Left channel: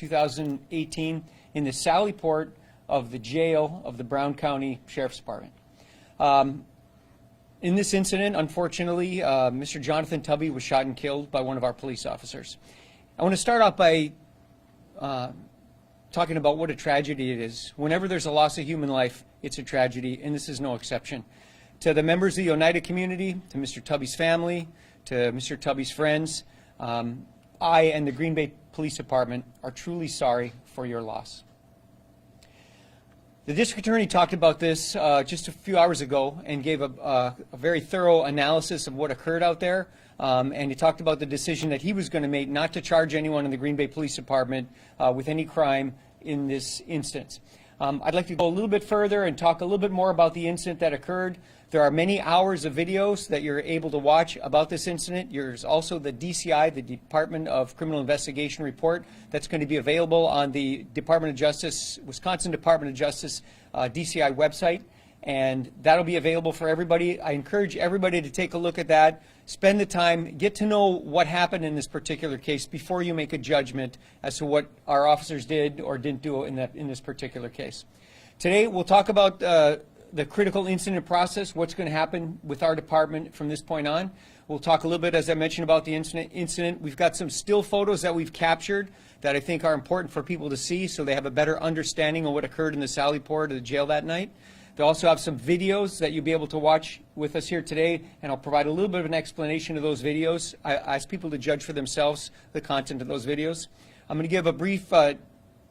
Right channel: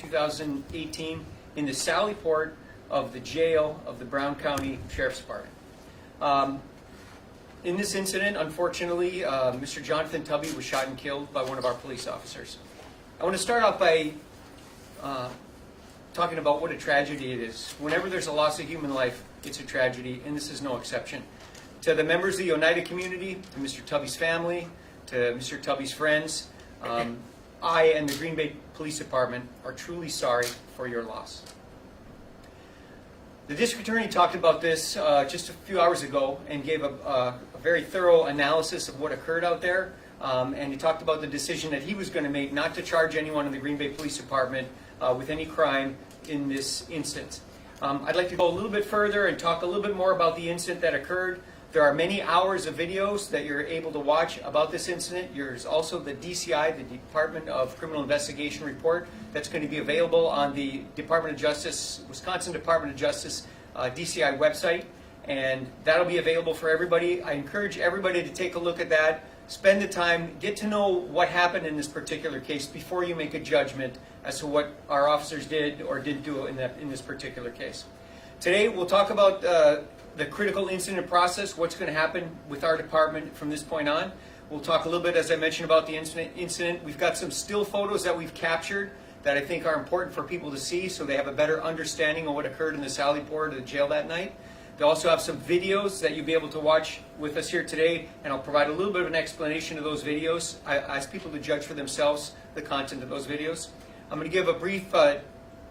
2018, in the Sally Port of the jail of the Brown County Sheriff's Department. In this incident, unfortunately, Mr. Jonathan Tubby was shot and killed by one of our police officers. I want to start off by talking about what a tragedy it is. Whenever there's a loss of human life, it's a tragedy, and this is no exception. To the members of the Oneida community, to Mr. Tubby's family, to Mr. Tubby's friends, I and the Green Bay Police Department are truly sorry for your loss. The district attorney talked about this just a few hours ago and gave a very thorough analysis of what occurred out there. And he talked about the decision that he was going to make not to charge anyone in the Green Bay Police Department with any crime in this instance. I'd like to go a little bit further and talk a little bit more about the incident that occurred. There are many hours of videos that you're able to watch about this incident. There's also the DCI, the Department of Criminal Investigation report, that's going to be available on the Department of Justice, Wisconsin Department of Justice DCI website, and that'll be available for everybody. I encourage everybody to take a look at that, spend the time, get to know what happened in this particular case before you make a judgment as to what our officers did or didn't do in this particular case. Today we'll talk about the critical incident process, what's going to happen with our department from this point on. We'll talk a little bit, as I mentioned, about the incident. We've got some still photos that we've captured that I think are important for people to see so they have a better understanding of what occurred in the Sally Port of the jail that night. They also have some videos that you'll be able to watch with us here today, and I'll provide a little bit of an explanation of those videos. I ask people to judge for themselves the content of those videos. I'm going to give a brief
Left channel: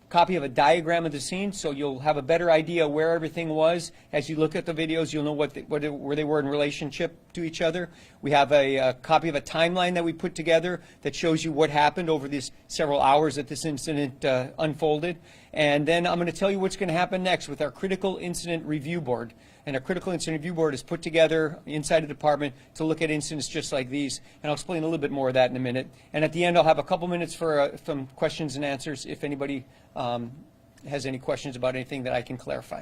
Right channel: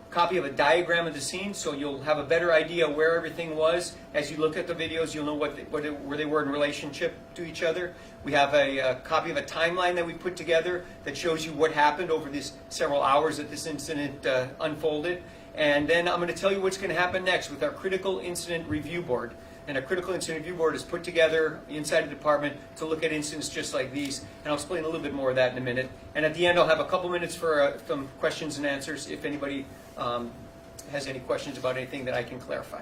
copy of a diagram of the scene so you'll have a better idea where everything was. As you look at the videos, you'll know where they were in relationship to each other. We have a copy of a timeline that we put together that shows you what happened over these several hours that this incident unfolded. And then I'm going to tell you what's going to happen next with our Critical Incident Review Board. And our Critical Incident Review Board is put together inside the department to look at incidents just like these. And I'll explain a little bit more of that in a minute. And at the end, I'll have a couple minutes for some questions and answers if anybody has any questions about anything that I can clarify.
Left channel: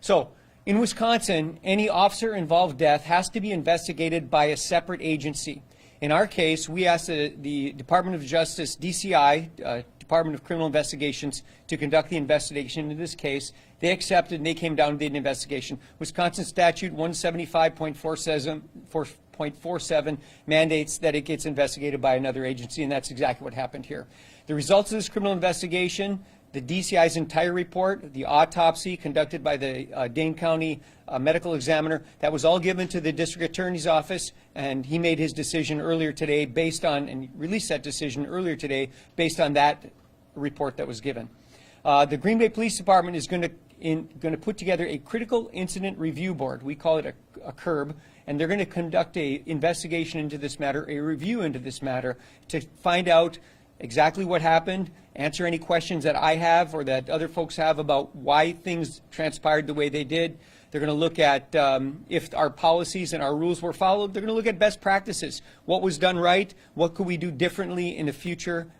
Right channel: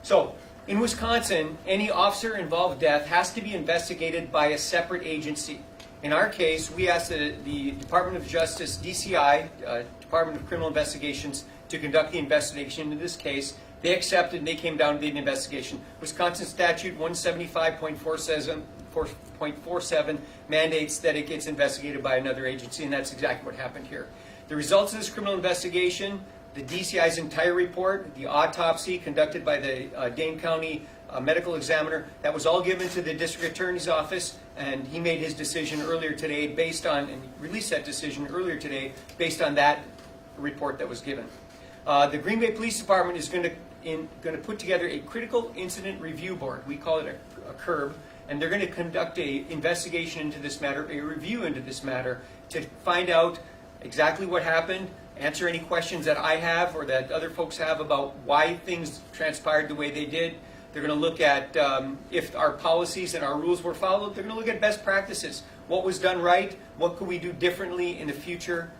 So, in Wisconsin, any officer-involved death has to be investigated by a separate agency. In our case, we asked the Department of Justice, DCI, Department of Criminal Investigations, to conduct the investigation into this case. They accepted and they came down and did an investigation. Wisconsin Statute 175.47 mandates that it gets investigated by another agency, and that's exactly what happened here. The results of this criminal investigation, the DCI's entire report, the autopsy conducted by the Dane County medical examiner, that was all given to the district attorney's office, and he made his decision earlier today based on, and released that decision earlier today based on that report that was given. The Green Bay Police Department is going to put together a Critical Incident Review Board. We call it a CIRB, and they're going to conduct an investigation into this matter, a review into this matter, to find out exactly what happened, answer any questions that I have or that other folks have about why things transpired the way they did. They're going to look at if our policies and our rules were followed. They're going to look at best practices. What was done right? What could we do differently in the future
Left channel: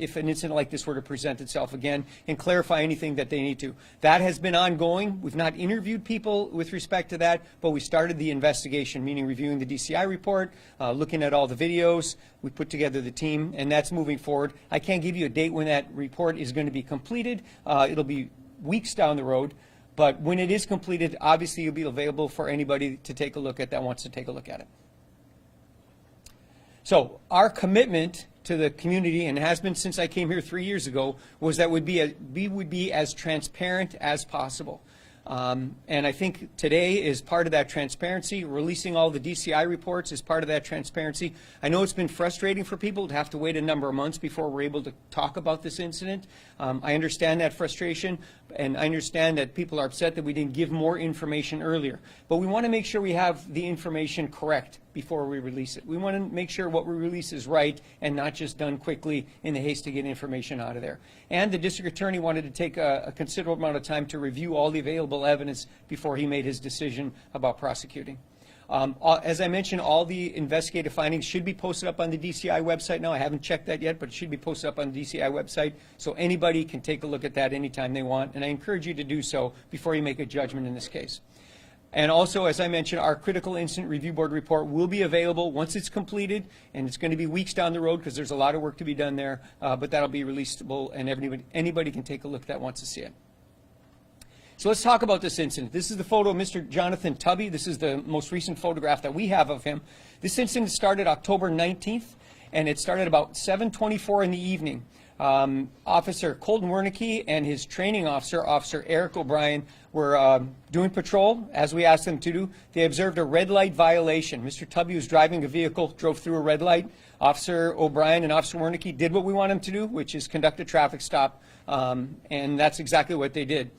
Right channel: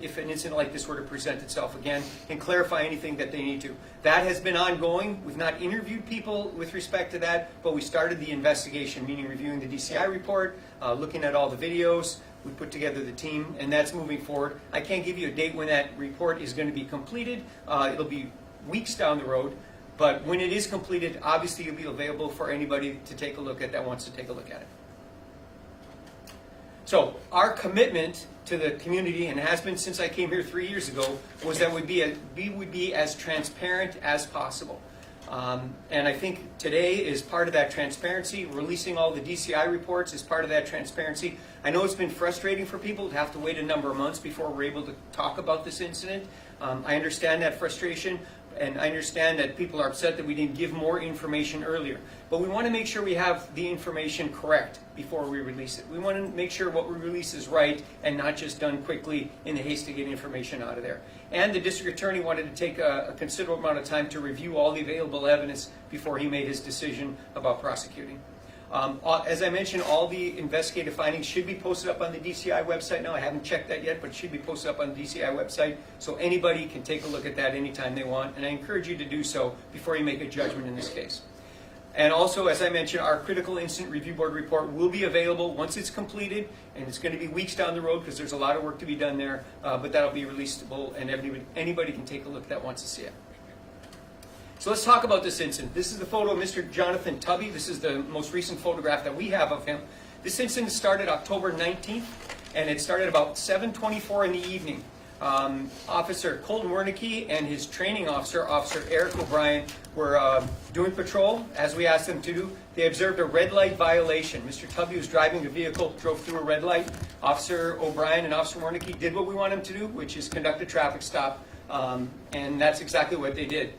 if an incident like this were to present itself again, and clarify anything that they need to. That has been ongoing. We've not interviewed people with respect to that, but we started the investigation, meaning reviewing the DCI report, looking at all the videos. We put together the team, and that's moving forward. I can't give you a date when that report is going to be completed. It'll be weeks down the road. But when it is completed, obviously it'll be available for anybody to take a look at that wants to take a look at it. So our commitment to the community, and has been since I came here 3 years ago, was that we would be as transparent as possible. And I think today is part of that transparency. Releasing all the DCI reports is part of that transparency. I know it's been frustrating for people to have to wait a number of months before we're able to talk about this incident. I understand that frustration, and I understand that people are upset that we didn't give more information earlier. But we want to make sure we have the information correct before we release it. We want to make sure what we release is right and not just done quickly in the haste to get information out of there. And the district attorney wanted to take a considerable amount of time to review all the available evidence before he made his decision about prosecuting. As I mentioned, all the investigative findings should be posted up on the DCI website now. I haven't checked that yet, but it should be posted up on the DCI website, so anybody can take a look at that anytime they want, and I encourage you to do so before you make a judgment in this case. And also, as I mentioned, our critical incident review board report will be available once it's completed, and it's going to be weeks down the road because there's a lot of work to be done there, but that'll be releasable, and anybody can take a look that wants to see it. So let's talk about this incident. This is the photo of Mr. Johnathon Tubby. This is the most recent photograph that we have of him. This incident started October 19th, and it started about 7:24 in the evening. Officer Colton Wernicke and his training officer, Officer Eric O'Brien, were doing patrol, as we asked them to do. They observed a red light violation. Mr. Tubby was driving a vehicle, drove through a red light. Officer O'Brien and Officer Wernicke did what we want them to do, which is conduct a traffic stop, and that's exactly what they did.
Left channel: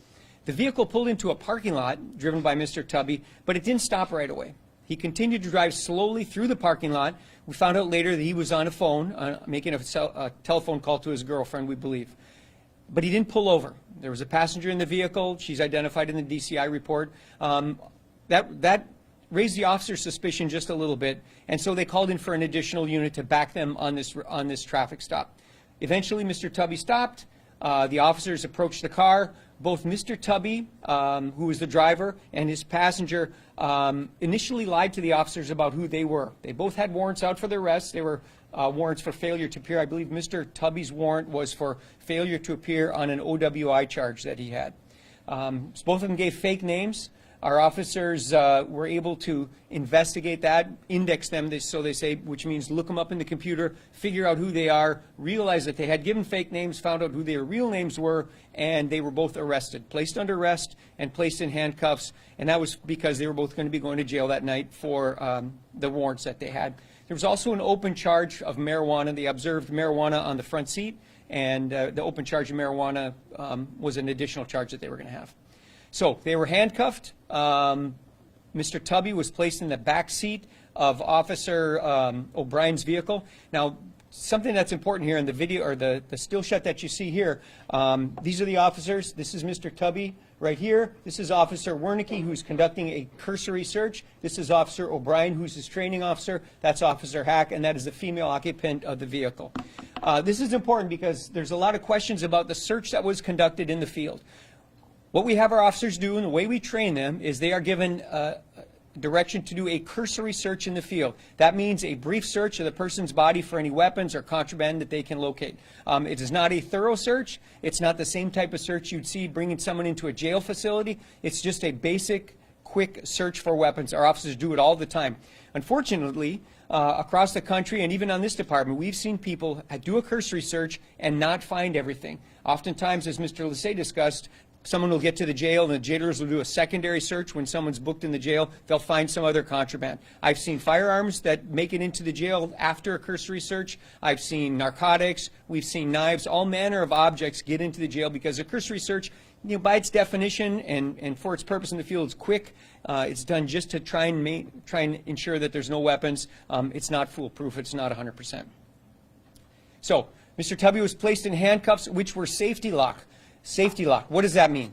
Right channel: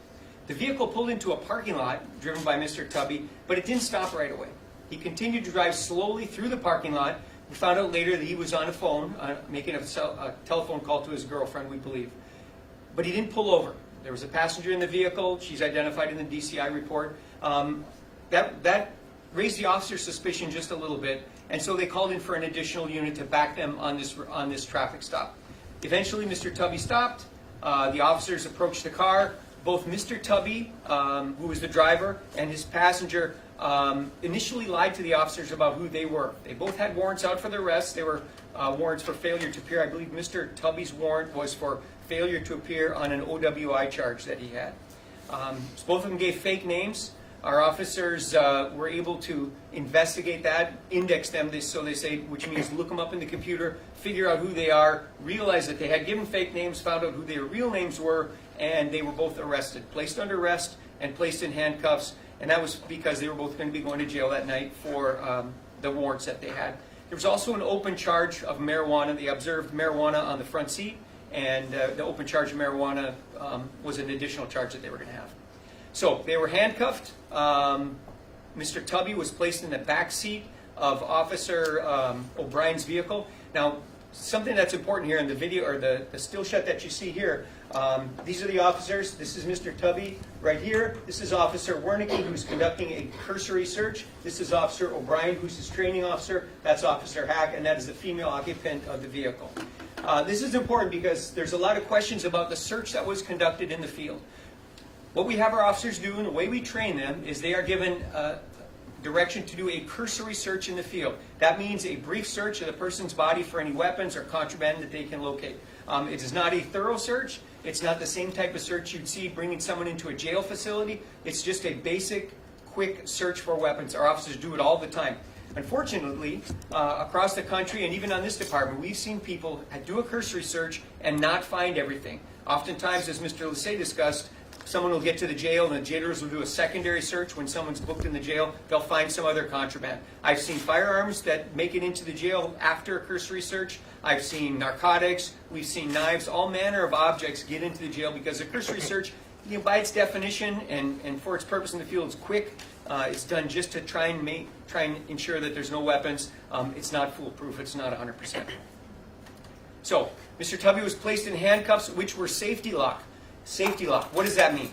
The vehicle pulled into a parking lot driven by Mr. Tubby, but it didn't stop right away. He continued to drive slowly through the parking lot. We found out later that he was on a phone, making a telephone call to his girlfriend, we believe. But he didn't pull over. There was a passenger in the vehicle. She's identified in the DCI report. That raised the officer's suspicion just a little bit, and so they called in for an additional unit to back them on this traffic stop. Eventually, Mr. Tubby stopped. The officers approached the car. Both Mr. Tubby, who was the driver, and his passenger initially lied to the officers about who they were. They both had warrants out for their arrests. They were warrants for failure to appear. I believe Mr. Tubby's warrant was for failure to appear on an OWI charge that he had. So both of them gave fake names. Our officers were able to investigate that, index them, so they say, which means look them up in the computer, figure out who they are, realize that they had given fake names, found out who their real names were, and they were both arrested, placed under arrest and placed in handcuffs, and that was because they were both going to be going to jail that night for the warrants that they had. There was also an open charge of marijuana. They observed marijuana on the front seat, and the open charge of marijuana was an additional charge that they were going to have. So they were handcuffed. Mr. Tubby was placed in the back seat of Officer O'Brien's vehicle. Now, something that's important here in the video, or the still shot that you see here, these are the officers. This is Mr. Tubby right here. This is Officer Wernicke, who's conducting a cursory search. This is Officer O'Brien, who's his training officer. That's Officer Hack, and that is the female occupant of the vehicle. This is important because there's a lot of questions about the search that was conducted in the field. What we have our officers do, and the way we train them, is they are given direction to do a cursory search in the field. That means a brief search of the person's body for any weapons or contraband that they can locate. It is not a thorough search. It's not the same type of search you'd see bringing someone into a jail facility. It's just a basic, quick search for weapons. Our officers do it all the time. Unfortunately, across the country and even on this department, we've seen people do a cursory search and not find everything. Oftentimes, as Mr. Lissay discussed, someone will get to the jail and the jailers will do a secondary search when someone's booked in the jail. They'll find some other contraband. I've seen firearms that make it into the jail after a cursory search. I've seen narcotics. We've seen knives. All manner of objects get into the jail because a cursory search, by its definition and for its purpose in the field, it's quick. It's done just to try and ensure that there's no weapons. It's not foolproof. It's not 100%. So, Mr. Tubby was placed in handcuffs, which were safety lock. Safety lock. What does that mean?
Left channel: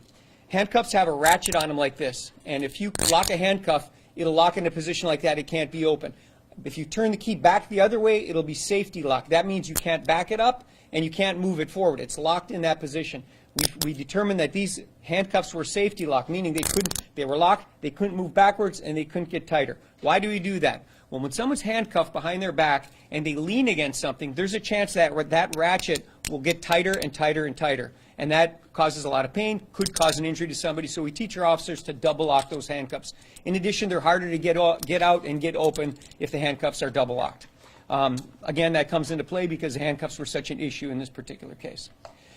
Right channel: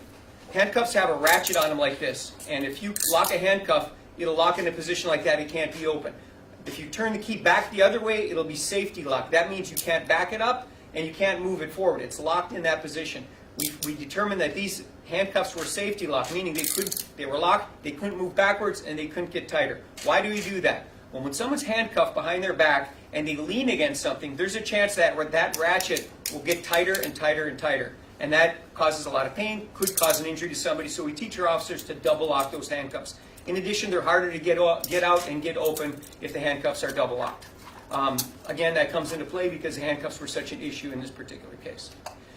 Handcuffs have a ratchet on them like this, and if you lock a handcuff, it'll lock in a position like that. It can't be open. If you turn the key back the other way, it'll be safety lock. That means you can't back it up and you can't move it forward. It's locked in that position. We determined that these handcuffs were safety lock, meaning they were locked, they couldn't move backwards, and they couldn't get tighter. Why do we do that? Well, when someone's handcuffed behind their back and they lean against something, there's a chance that that ratchet will get tighter and tighter and tighter. And that causes a lot of pain, could cause an injury to somebody, so we teach our officers to double lock those handcuffs. In addition, they're harder to get out and get open if the handcuffs are double locked. Again, that comes into play because the handcuffs were such an issue in this particular case.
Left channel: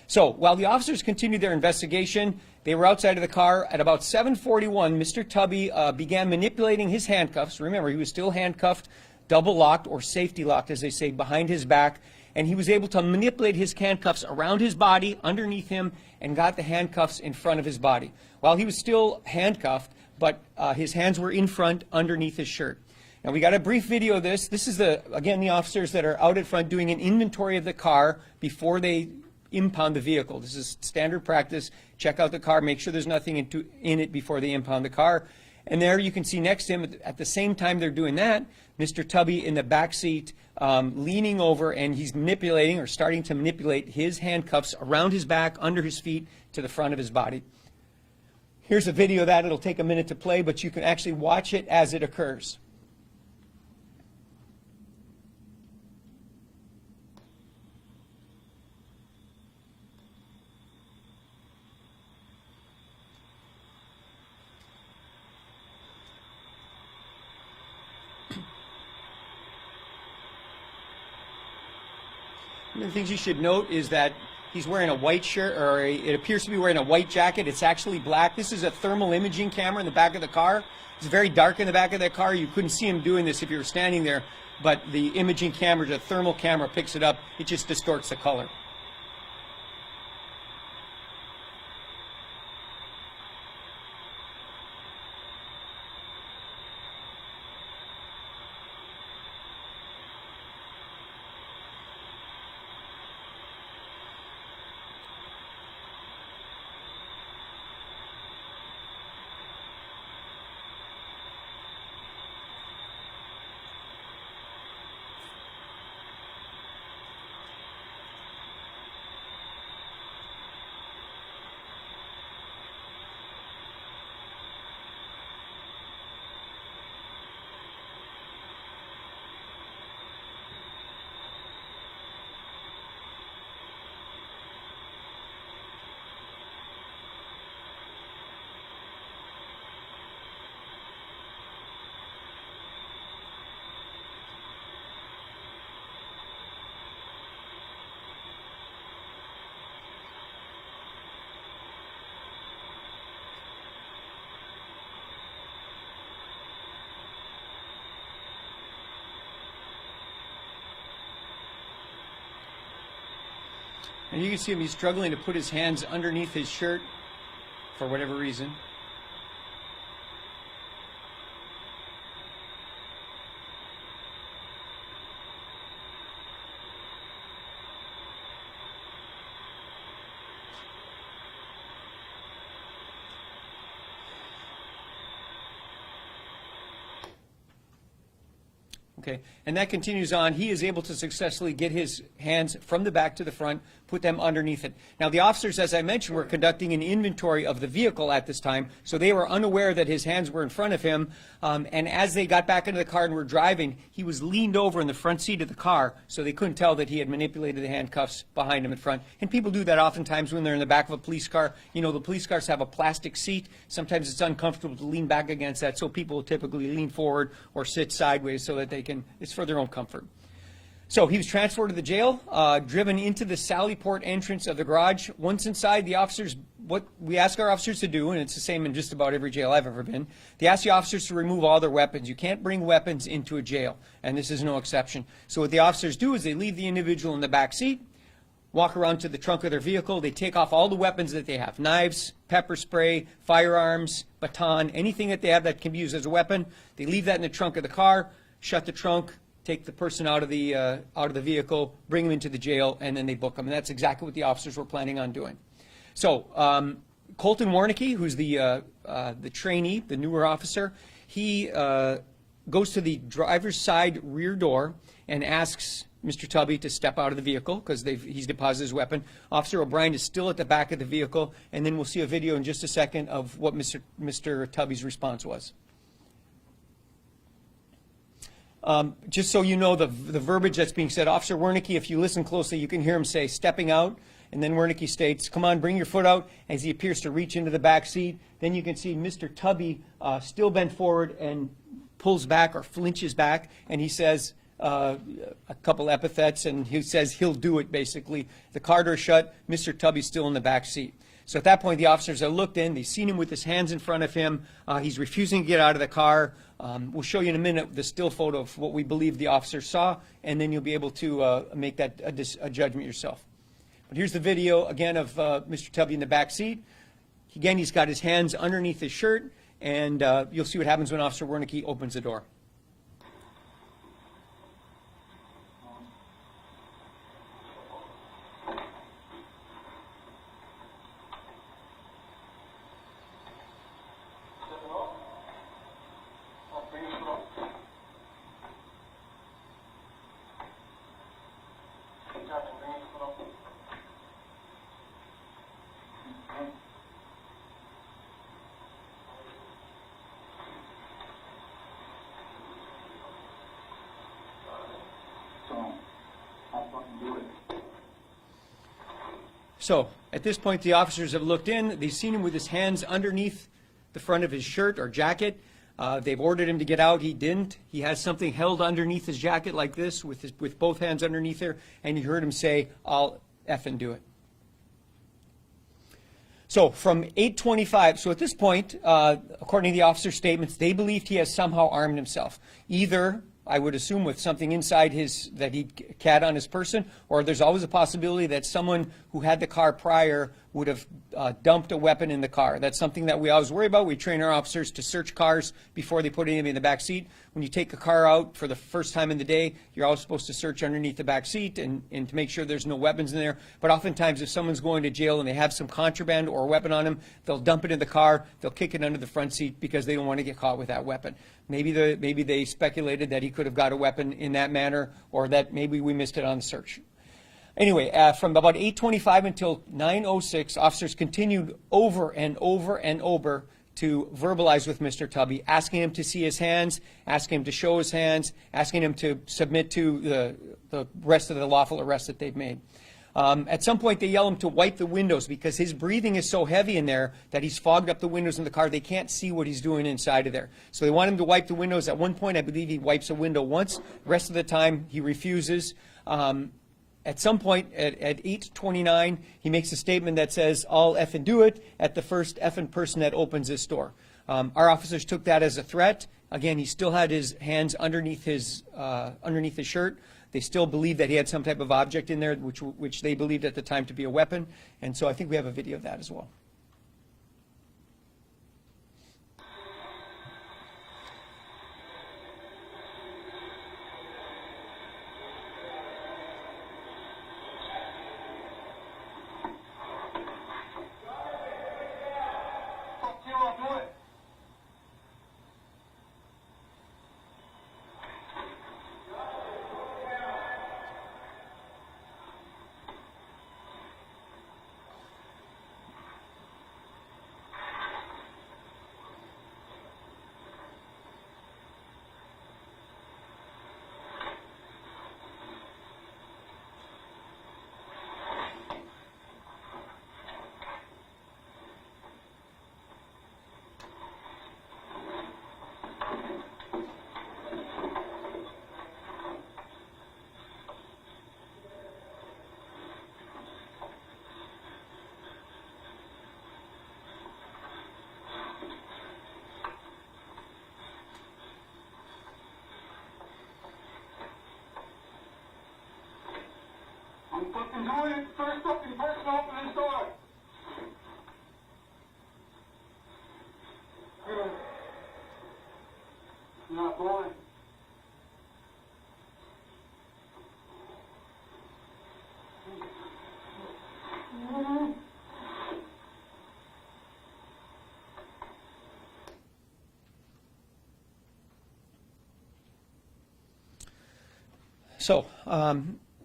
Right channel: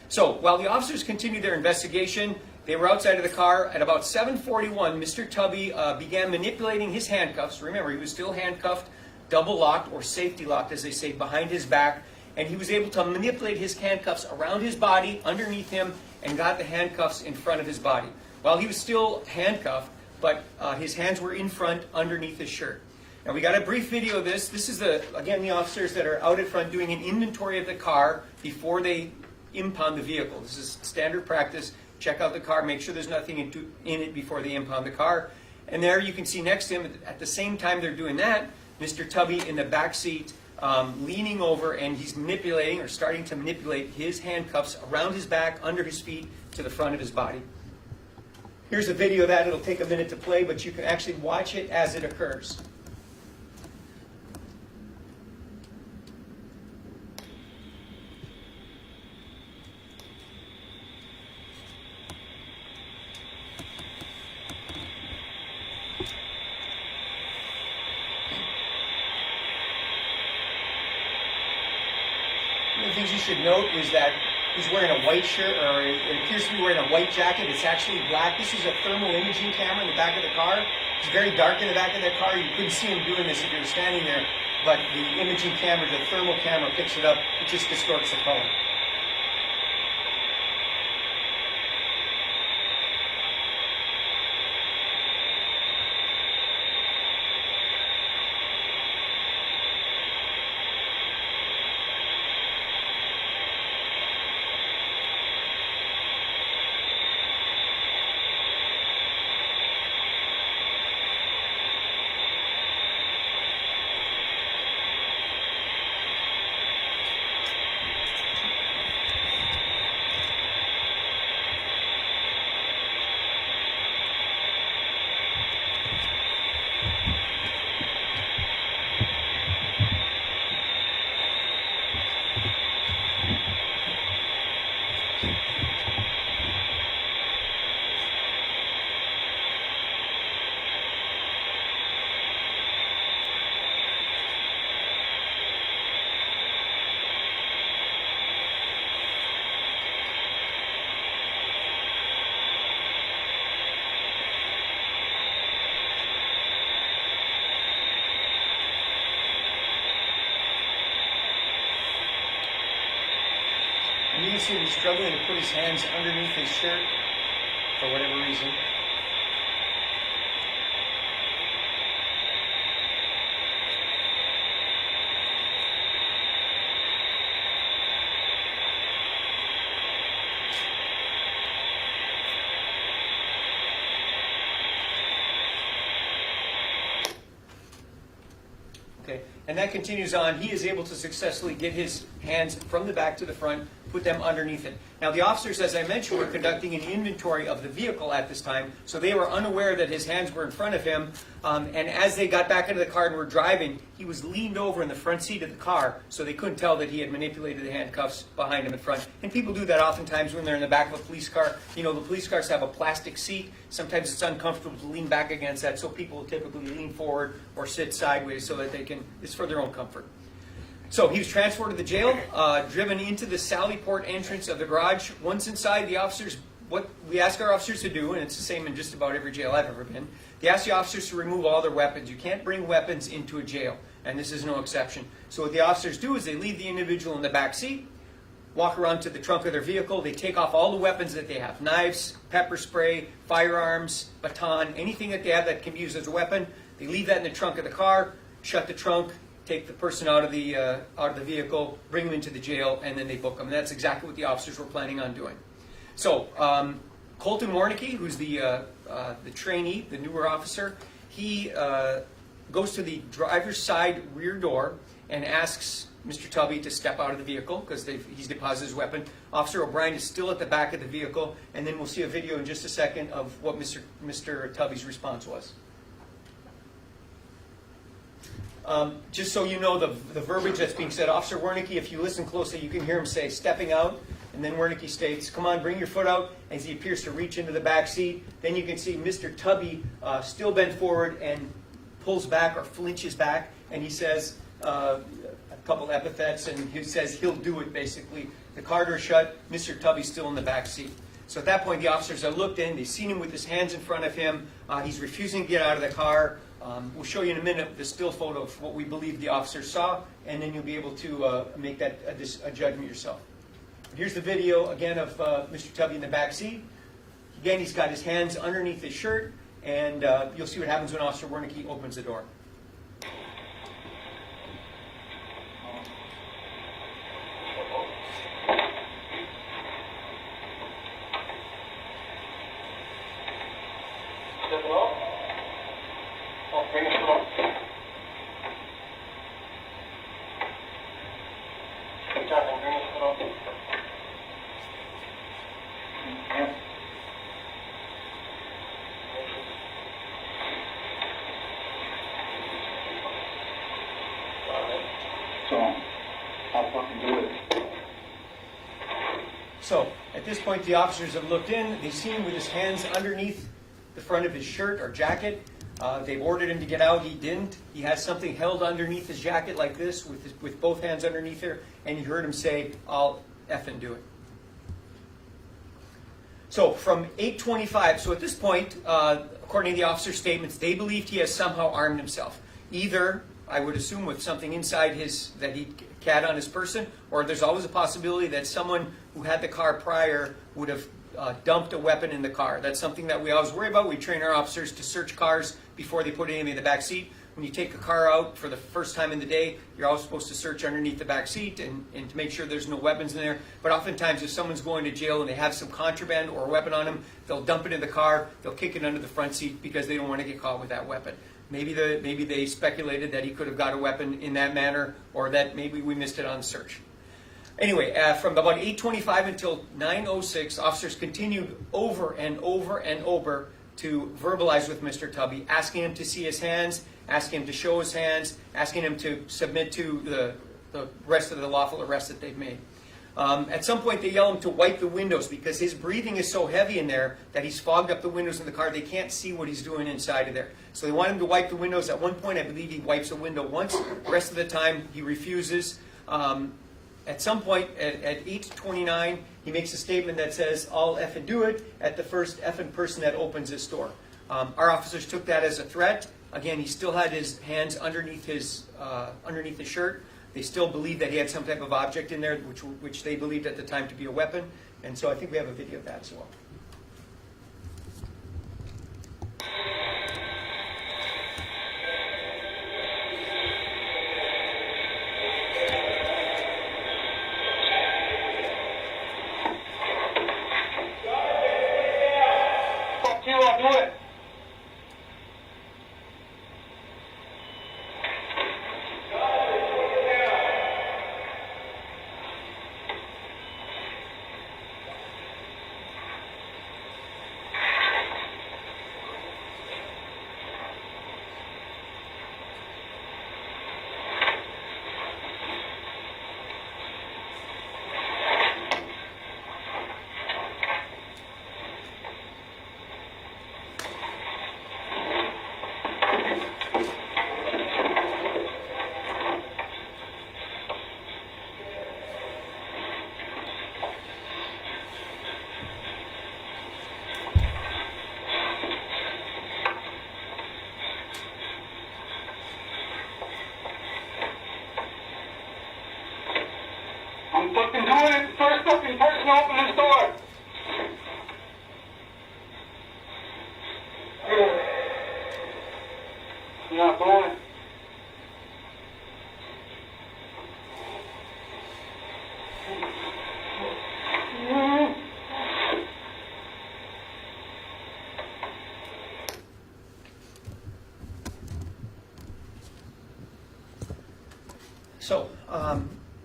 So while the officers continued their investigation, they were outside of the car. At about 7:41, Mr. Tubby began manipulating his handcuffs. Remember, he was still handcuffed, double locked, or safety locked, as they say, behind his back. And he was able to manipulate his handcuffs around his body, underneath him, and got the handcuffs in front of his body. While he was still handcuffed, but his hands were in front, underneath his shirt. Now, we got a brief video of this. This is, again, the officers that are out at front doing an inventory of the car before they impound the vehicle. This is standard practice. Check out the car, make sure there's nothing in it before they impound the car. And there you can see next to him, at the same time they're doing that, Mr. Tubby in the back seat, leaning over, and he's manipulating or starting to manipulate his handcuffs around his back, under his feet, to the front of his body. Here's a video of that. It'll take a minute to play, but you can actually watch it as it occurs. One of the things you should note is that he's wearing a white shirt, or it appears to be wearing a white jacket. It's actually black. This is a thermal imaging camera in the back of the car. It's very dark in the back of that car. You couldn't see him doing this if you were standing there, but the imaging camera, the thermal camera, picks it up. It just distorts the color. And you can see him, he's struggling to put his hands underneath his shirt for whatever reason. Okay, and that continues on. He is able to successfully get his hands from the back to the front, put them underneath it. Now the officers, as I mentioned, were conducting an inventory of the vehicle at this time, so they were unaware that his hands were in front of him, and as they got back into the car and were driving, he was leaned over in the front seat of the car, so they couldn't tell that he had manipulated the handcuffs behind him in front. And people do that oftentimes when they're in the back of a police car. You know, the police cars have a plastic seat. Sometimes it's uncomfortable to lean back against that, so people will typically lean forward or sit sideways so that they can, it's for their own comfort. So he was transferred to the jail, driven into the Sallyport entrance of the garage. Once inside, the officers, what we ask our officers to do, and it's the same in just about every jail I've ever been, they ask the officers to remove all their weapons. You can't bring weapons into a jail, and this is no exception. So what the officers do is they leave the individual in the back seat, walk around to the trunk of their vehicle, they take off all the weapons that they have, knives, pepper spray, firearms, baton, anything that they have that can be used as a weapon. They leave that in the trunk of the car, shut the trunk, take the person out of the vehicle, bring them into the jail, and then they book them. And that's exactly what the officers were planning on doing. So Colton Warnicki, who's the trainee, the newer officer, he goes to the driver's side rear door and asks Mr. Tubby to step out of the vehicle because he's deposited his weapon. Officer O'Brien is still at the back of the vehicle, and then we'll see a video in just a second of what Mr. Tubby's response was. Just so you know the verbiage that's being said, Officer Wernicke, if you listen closely, you can hear him say, stepping out, and then Wernicke states, come on, bring your foot out, as he appears to reach into the back seat. Then you can see Mr. Tubby still bent forward and pulls back or flinches back, and he says a couple epithets, and he says he'll do it, basically. The car door shut, Mr. Tubby's still in the back seat. So at that point, the officers have looked in, they've seen him with his hands in front of him, he's refusing to get out of the car. We'll show you in a minute the still photo of what we believe the officers saw, and then you'll be able to make that a judgment yourself. But here's the video again of Mr. Tubby in the back seat. Again, he's got his hands underneath his shirt, and you'll see what happens when Officer Wernicke opens the door. So at this point, the officers have looked in. They've seen him with his hands underneath the front of his shirt or jacket. They've ordered him to get out. He didn't. He has something held underneath his jacket like this with both hands underneath there. And you heard him say, "I'll effing do it." So from 8:25, so at this point, according to the officer's statements, they believed he has somehow armed himself. Either, I would assume, with something inside that he had on his person, or there's always a possibility that someone who had the car prior would have dumped a weapon in the car. That's something that we always worry about. We train our officers to search cars before they put anything in the back seat. When you take a car out for the first time in the day, you're always supposed to search underneath the back seat and to make sure there's no weapons in there. But oftentimes, if someone's going to jail and they have some contraband or a weapon on them, they'll dump it in the car, they'll kick it under the front seat because they don't want to get caught with that weapon. Maybe they speculated that he could have got a weapon in that manner, or that maybe we missed it on the search. Anyway, from about 8:25 until 9:06, officers continued over and over and over to verbalize with Mr. Tubby, asking him to see his hands, asking him to show his hands, asking him to submit to the rest of the lawful arrest that they've made. At some point, they yell him to wipe the windows because his breathing is so heavy in there that he's fogged up the windows in the car. They can't see what he's doing inside of there. So they want him to wipe the windows. At one point, I believe he wipes a window once. The rest of the time, he refuses. At some point, at 8:29, he makes a statement that says, "I'll effing do it," at the first effing person that opens this door. Our officers took that as a threat. Again, he still had his hands underneath his shirt. They still believed that he had some type of object in there, which they believed at the time to be a weapon. And so I think we have a video of that as well. Fuck you, I'll do it. I'm fucking doing it. First fucking person to open this door. I'm not going. So,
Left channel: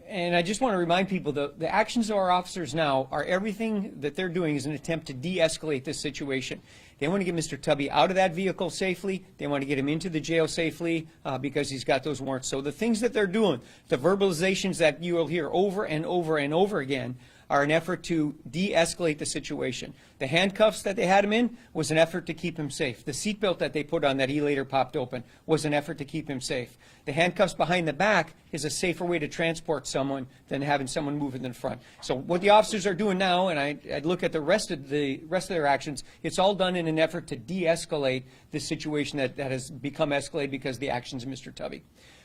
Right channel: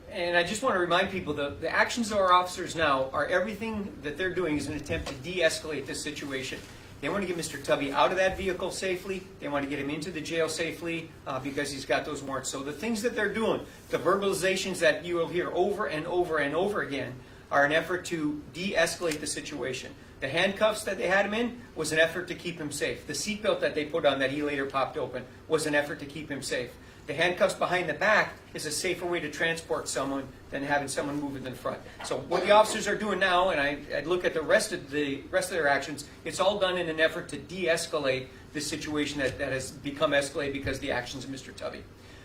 and I just want to remind people that the actions of our officers now are everything that they're doing is an attempt to de-escalate this situation. They want to get Mr. Tubby out of that vehicle safely. They want to get him into the jail safely because he's got those warrants. So the things that they're doing, the verbalizations that you will hear over and over and over again, are an effort to de-escalate the situation. The handcuffs that they had him in was an effort to keep him safe. The seatbelt that they put on that he later popped open was an effort to keep him safe. The handcuffs behind the back is a safer way to transport someone than having someone move in the front. So what the officers are doing now, and I'd look at the rest of their actions, it's all done in an effort to de-escalate this situation that has become escalated because of the actions of Mr. Tubby.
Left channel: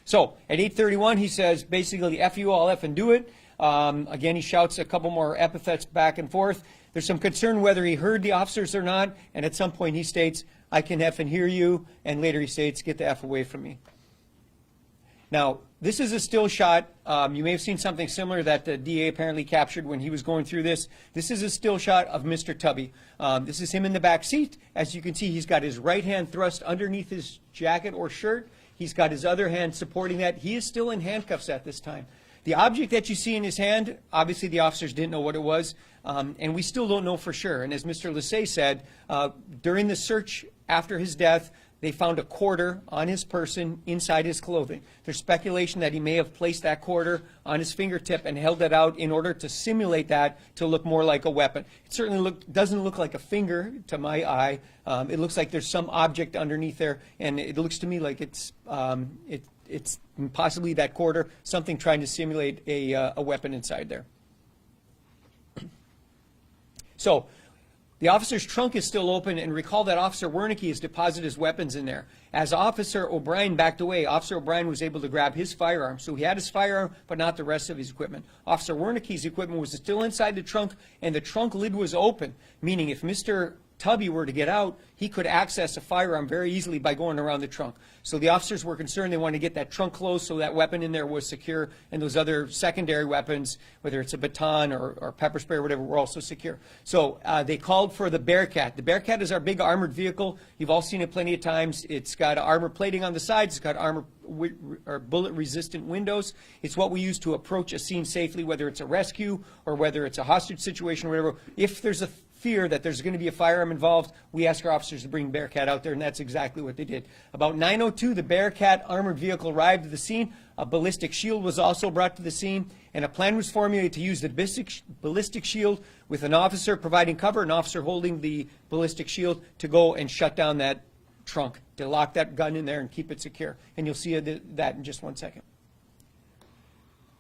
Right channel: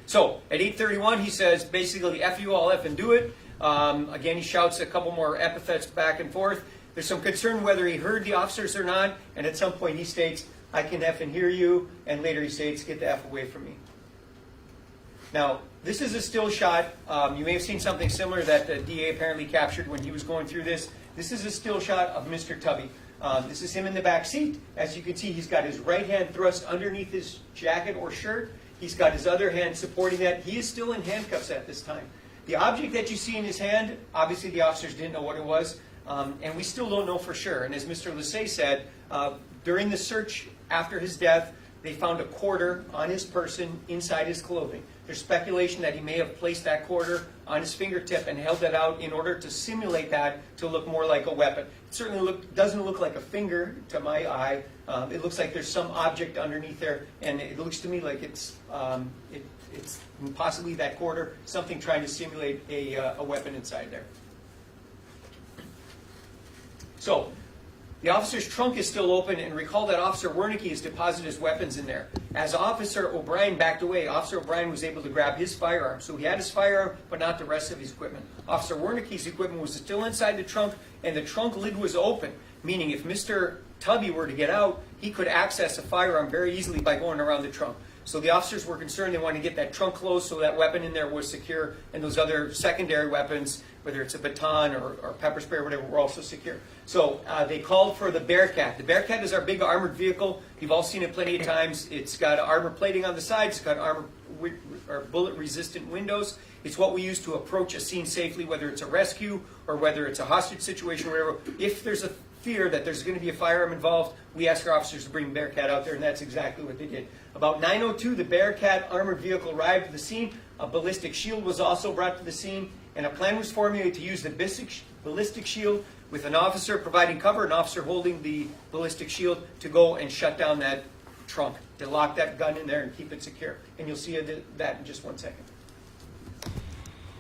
So at 8:31, he says basically, "F you, I'll F and do it." Again, he shouts a couple more epithets back and forth. There's some concern whether he heard the officers or not, and at some point he states, "I can F and hear you," and later he states, "Get the F away from me." Now, this is a still shot. You may have seen something similar that the DA apparently captured when he was going through this. This is a still shot of Mr. Tubby. This is him in the back seat. As you can see, he's got his right hand thrust underneath his jacket or shirt. He's got his other hand supporting that. He is still in handcuffs at this time. The object that you see in his hand, obviously the officers didn't know what it was, and we still don't know for sure. And as Mr. Lassay said, during the search after his death, they found a quarter on his person inside his clothing. There's speculation that he may have placed that quarter on his fingertip and held that out in order to simulate that to look more like a weapon. It certainly doesn't look like a finger to my eye. It looks like there's some object underneath there, and it looks to me like it's possibly that quarter, something trying to simulate a weapon inside there. So the officer's trunk is still open, and recall that Officer Wernicke has deposited his weapons in there. As Officer O'Brien backed away, Officer O'Brien was able to grab his firearm. So he had his firearm, but not the rest of his equipment. Officer Wernicke's equipment was still inside the trunk, and the trunk lid was open, meaning if Mr. Tubby were to get out, he could access a firearm very easily by going around the trunk. So the officers were concerned. They wanted to get that trunk closed so that weapon in there was secure, and those other secondary weapons, whether it's a baton or pepper spray or whatever, were also secure. So they called for the Bearcat. The Bearcat is our big armored vehicle. You've all seen it plenty of times. It's got armor plating on the sides. It's got armor or bullet-resistant windows. It's what we use to approach a scene safely, whether it's a rescue or whether it's a hostage situation or whatever. If there's a fear that there's going to be a firearm involved, we ask our officers to bring Bearcat out there, and that's exactly what they did. About 9:02, the Bearcat armored vehicle arrived at the scene. A ballistic shield was also brought to the scene, and a plan was formulated to use the ballistic shield with an officer providing cover, an officer holding the ballistic shield to go and shut down that trunk, to lock that gun in there and keep it secure. And you'll see that in just one second.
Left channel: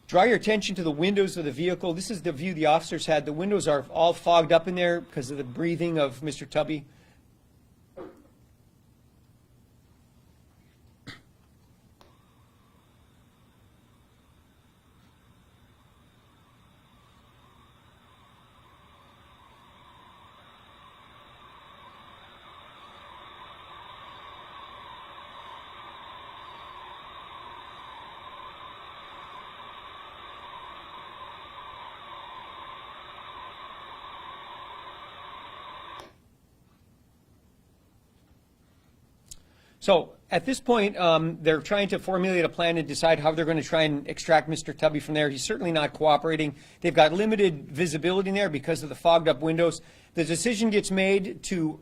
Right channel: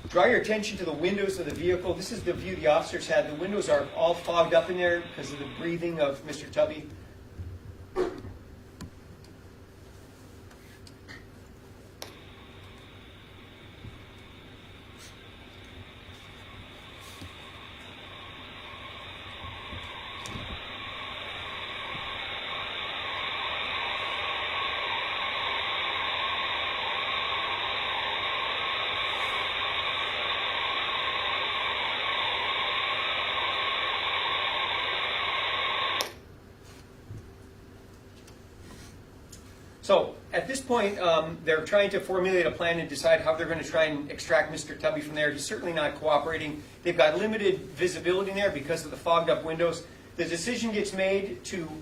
Draw your attention to the windows of the vehicle. This is the view the officers had. The windows are all fogged up in there because of the breathing of Mr. Tubby. So at this point, they're trying to formulate a plan and decide how they're going to try and extract Mr. Tubby from there. He's certainly not cooperating. They've got limited visibility in there because of the fogged up windows. The decision gets made to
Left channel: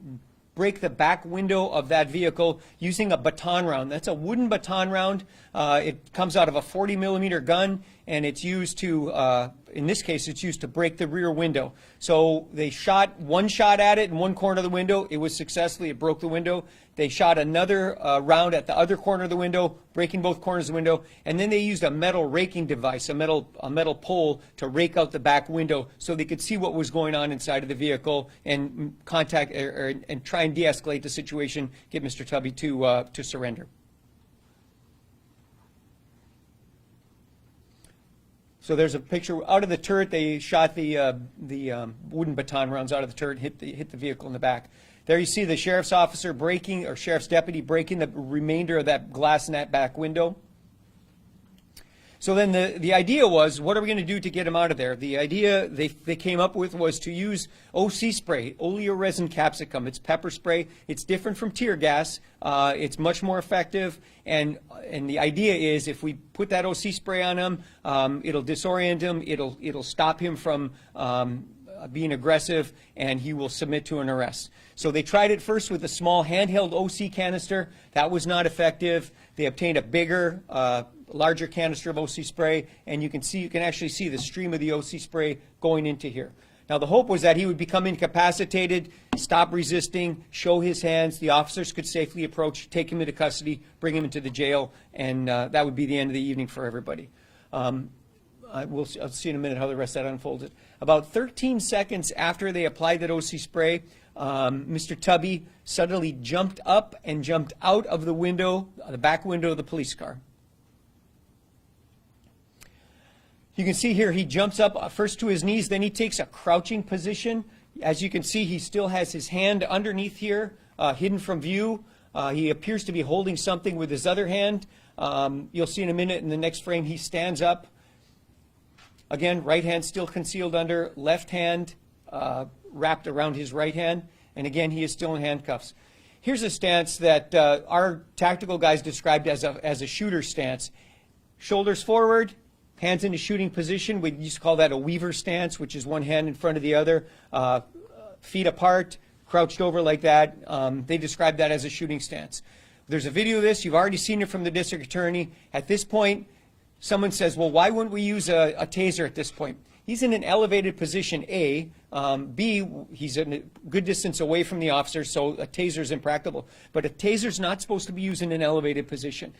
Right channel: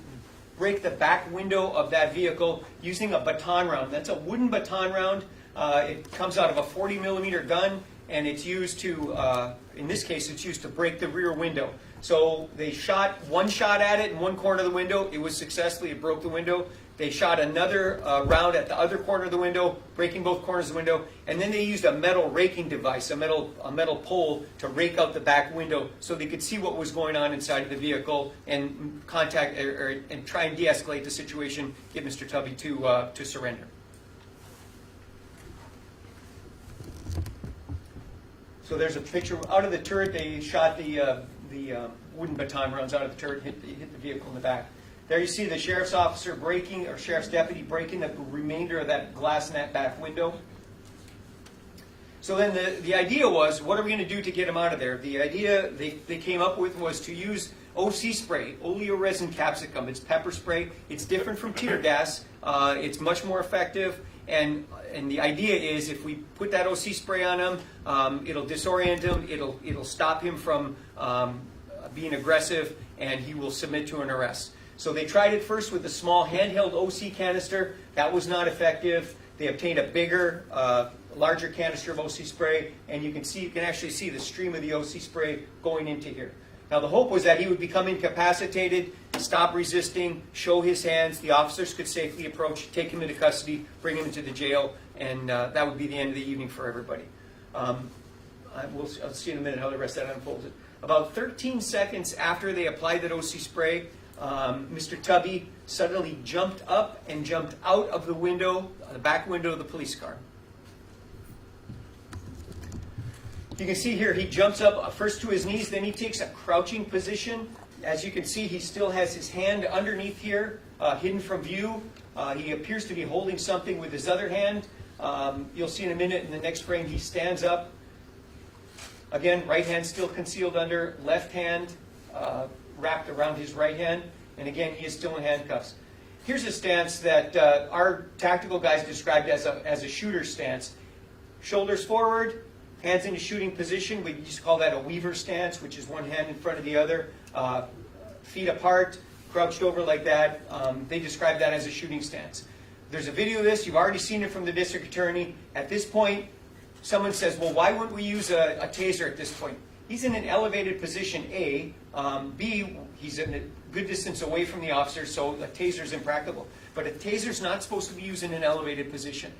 break the back window of that vehicle using a baton round. That's a wooden baton round. It comes out of a 40 millimeter gun, and it's used to, in this case, it's used to break the rear window. So they shot one shot at it in one corner of the window. It was successful. It broke the window. They shot another round at the other corner of the window, breaking both corners of the window, and then they used a metal raking device, a metal pole, to rake out the back window so they could see what was going on inside of the vehicle and and try and de-escalate the situation, get Mr. Tubby to surrender. So there's a picture out of the turret. They shot the wooden baton rounds out of the turret, hit the vehicle in the back. There you see the sheriff's officer breaking, or sheriff's deputy breaking the remainder of that glass in that back window. So then the idea was, what are we going to do to get him out of there? The idea they came up with was to use OC spray, oleoresin capsicum. It's pepper spray. It's different from tear gas. It's much more effective. And the idea is, if we put that OC spray on him, it'll disorient him. It'll stop him from being aggressive, and he will submit to an arrest. So they tried it first with a small handheld OC canister. That was not effective. They obtained a bigger, larger canister of OC spray, and you can actually see the stream of the OC spray going into here. Now the hope was that he would become incapacitated, stop resisting, show his hands. The officers could safely approach, take him into custody, bring him into the jail, and that would be the end of the evening for everybody. I'll see in a minute how the rest of that unfolded. About 13 seconds after they applied that OC spray, Mr. Tubby suddenly jumped up and jumped out of the window, the back window of the police car. You can see here he jumps up first to his knees, then he takes a crouching position. As you can see, he still has his hand underneath here, hidden from view. He appears to be holding something with his other hand. You'll see in a minute in the next frame he stands up. Again, right hand still concealed under, left hand wrapped around his right hand, and again he is still in handcuffs. Here's a stance that our tactical guys described as a shooter stance. Shoulders forward, hands in a shooting position. We used to call that a weaver stance, which is one hand in front of the other. Feet apart, crouched over like that. They described that as a shooting stance. There's a video of this. You've already seen it from the district attorney. At this point, someone says, well, why wouldn't we use a taser at this point? He's in an elevated position, A. B, he's in a good distance away from the officer, so a taser is impractical. But a taser is not supposed to be used in an elevated position.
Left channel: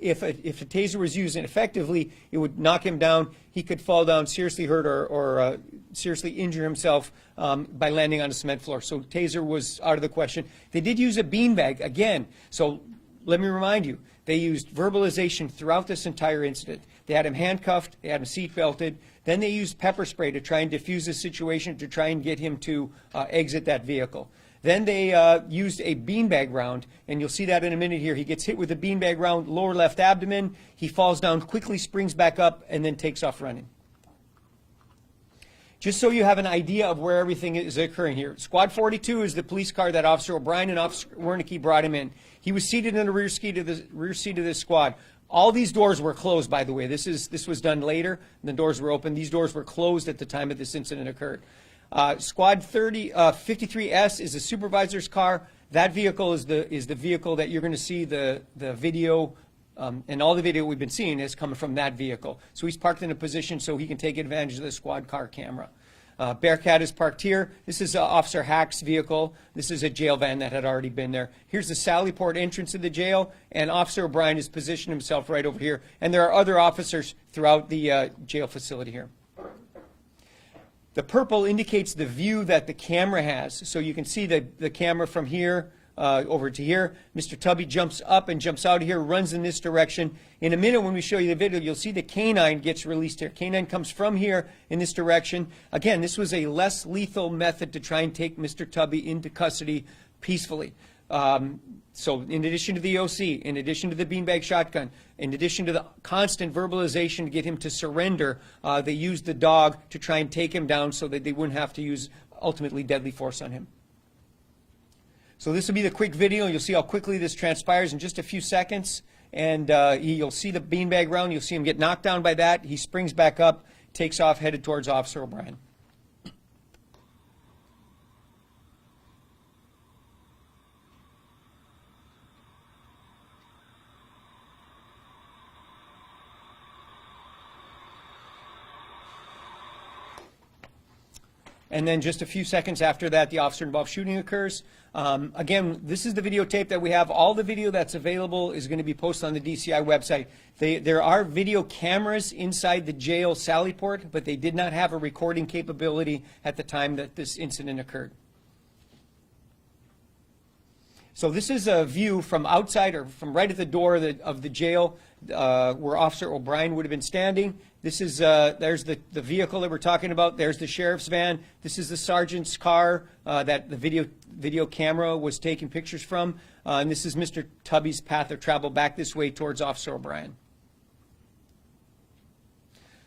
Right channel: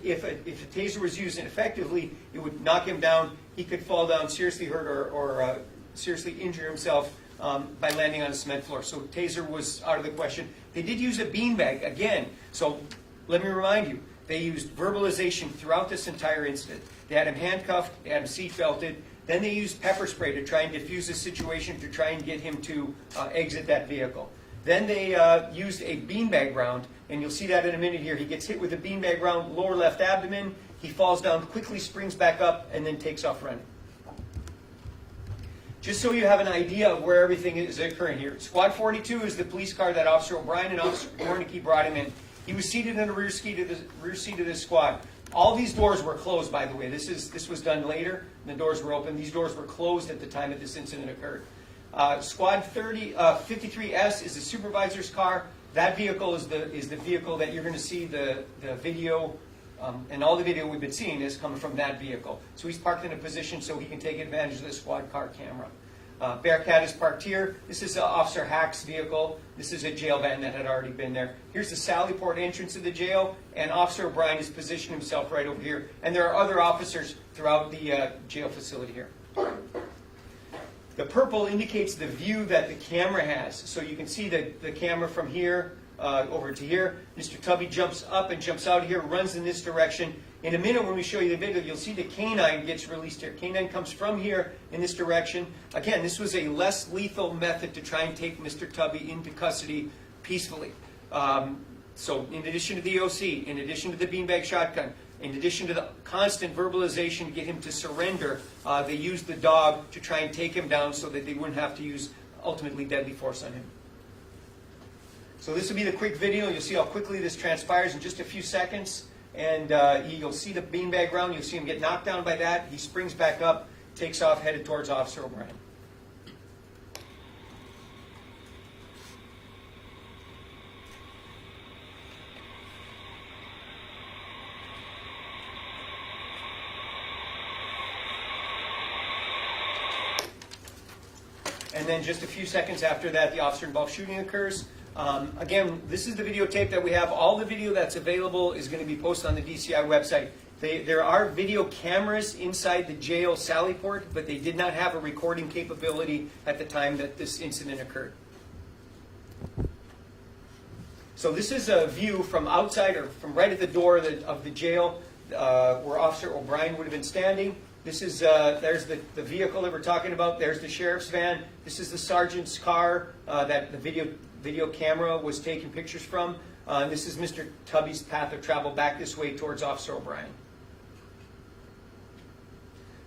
If a taser was used effectively, it would knock him down. He could fall down, seriously hurt or seriously injure himself by landing on a cement floor. So taser was out of the question. They did use a beanbag, again. So let me remind you, they used verbalization throughout this entire incident. They had him handcuffed, they had him seat belted. Then they used pepper spray to try and diffuse the situation, to try and get him to exit that vehicle. Then they used a beanbag round, and you'll see that in a minute here. He gets hit with a beanbag round, lower left abdomen. He falls down, quickly springs back up, and then takes off running. Just so you have an idea of where everything is occurring here. Squad 42 is the police car that Officer O'Brien and Officer Wernicke brought him in. He was seated in the rear seat of this squad. All these doors were closed, by the way. This was done later. The doors were open. These doors were closed at the time that this incident occurred. Squad 53S is the supervisor's car. That vehicle is the vehicle that you're going to see the video, and all the video we've been seeing is coming from that vehicle. So he's parked in a position so he can take advantage of the squad car camera. Bearcat is parked here. This is Officer Hack's vehicle. This is a jail van that had already been there. Here's the Sallyport entrance of the jail, and Officer O'Brien has positioned himself right over here. And there are other officers throughout the jail facility here. The purple indicates the view that the camera has. So you can see the camera from here over to here. Mr. Tubby jumps up and jumps out of here, runs in this direction. In a minute, when we show you the video, you'll see the canine gets released here. Canine comes from here in this direction. Again, this was a less lethal method to try and take Mr. Tubby into custody peacefully. So in addition to the OC, in addition to the beanbag shotgun, in addition to the constant verbalization to get him to surrender, they used the dog to try and take him down so that they wouldn't have to use ultimately deadly force on him. So this will be the quick video. You'll see how quickly this transpires in just a few seconds. And you'll see the beanbag round. You'll see him get knocked down by that. He springs back up, takes off, headed towards Officer O'Brien. And then just a few seconds after that, the officer-involved shooting occurs. Again, this is the videotape that we have. All the video that's available is going to be posted on the DCI website. There are video cameras inside the jail Sallyport, but they did not have a recording capability at the time that this incident occurred. So this is a view from outside, or from right at the door of the jail where Officer O'Brien would have been standing. This is there's the vehicle that we're talking about. There's the sheriff's van. This is the sergeant's car that the video camera was taking pictures from. And this is Mr. Tubby's path of travel back this way towards Officer O'Brien.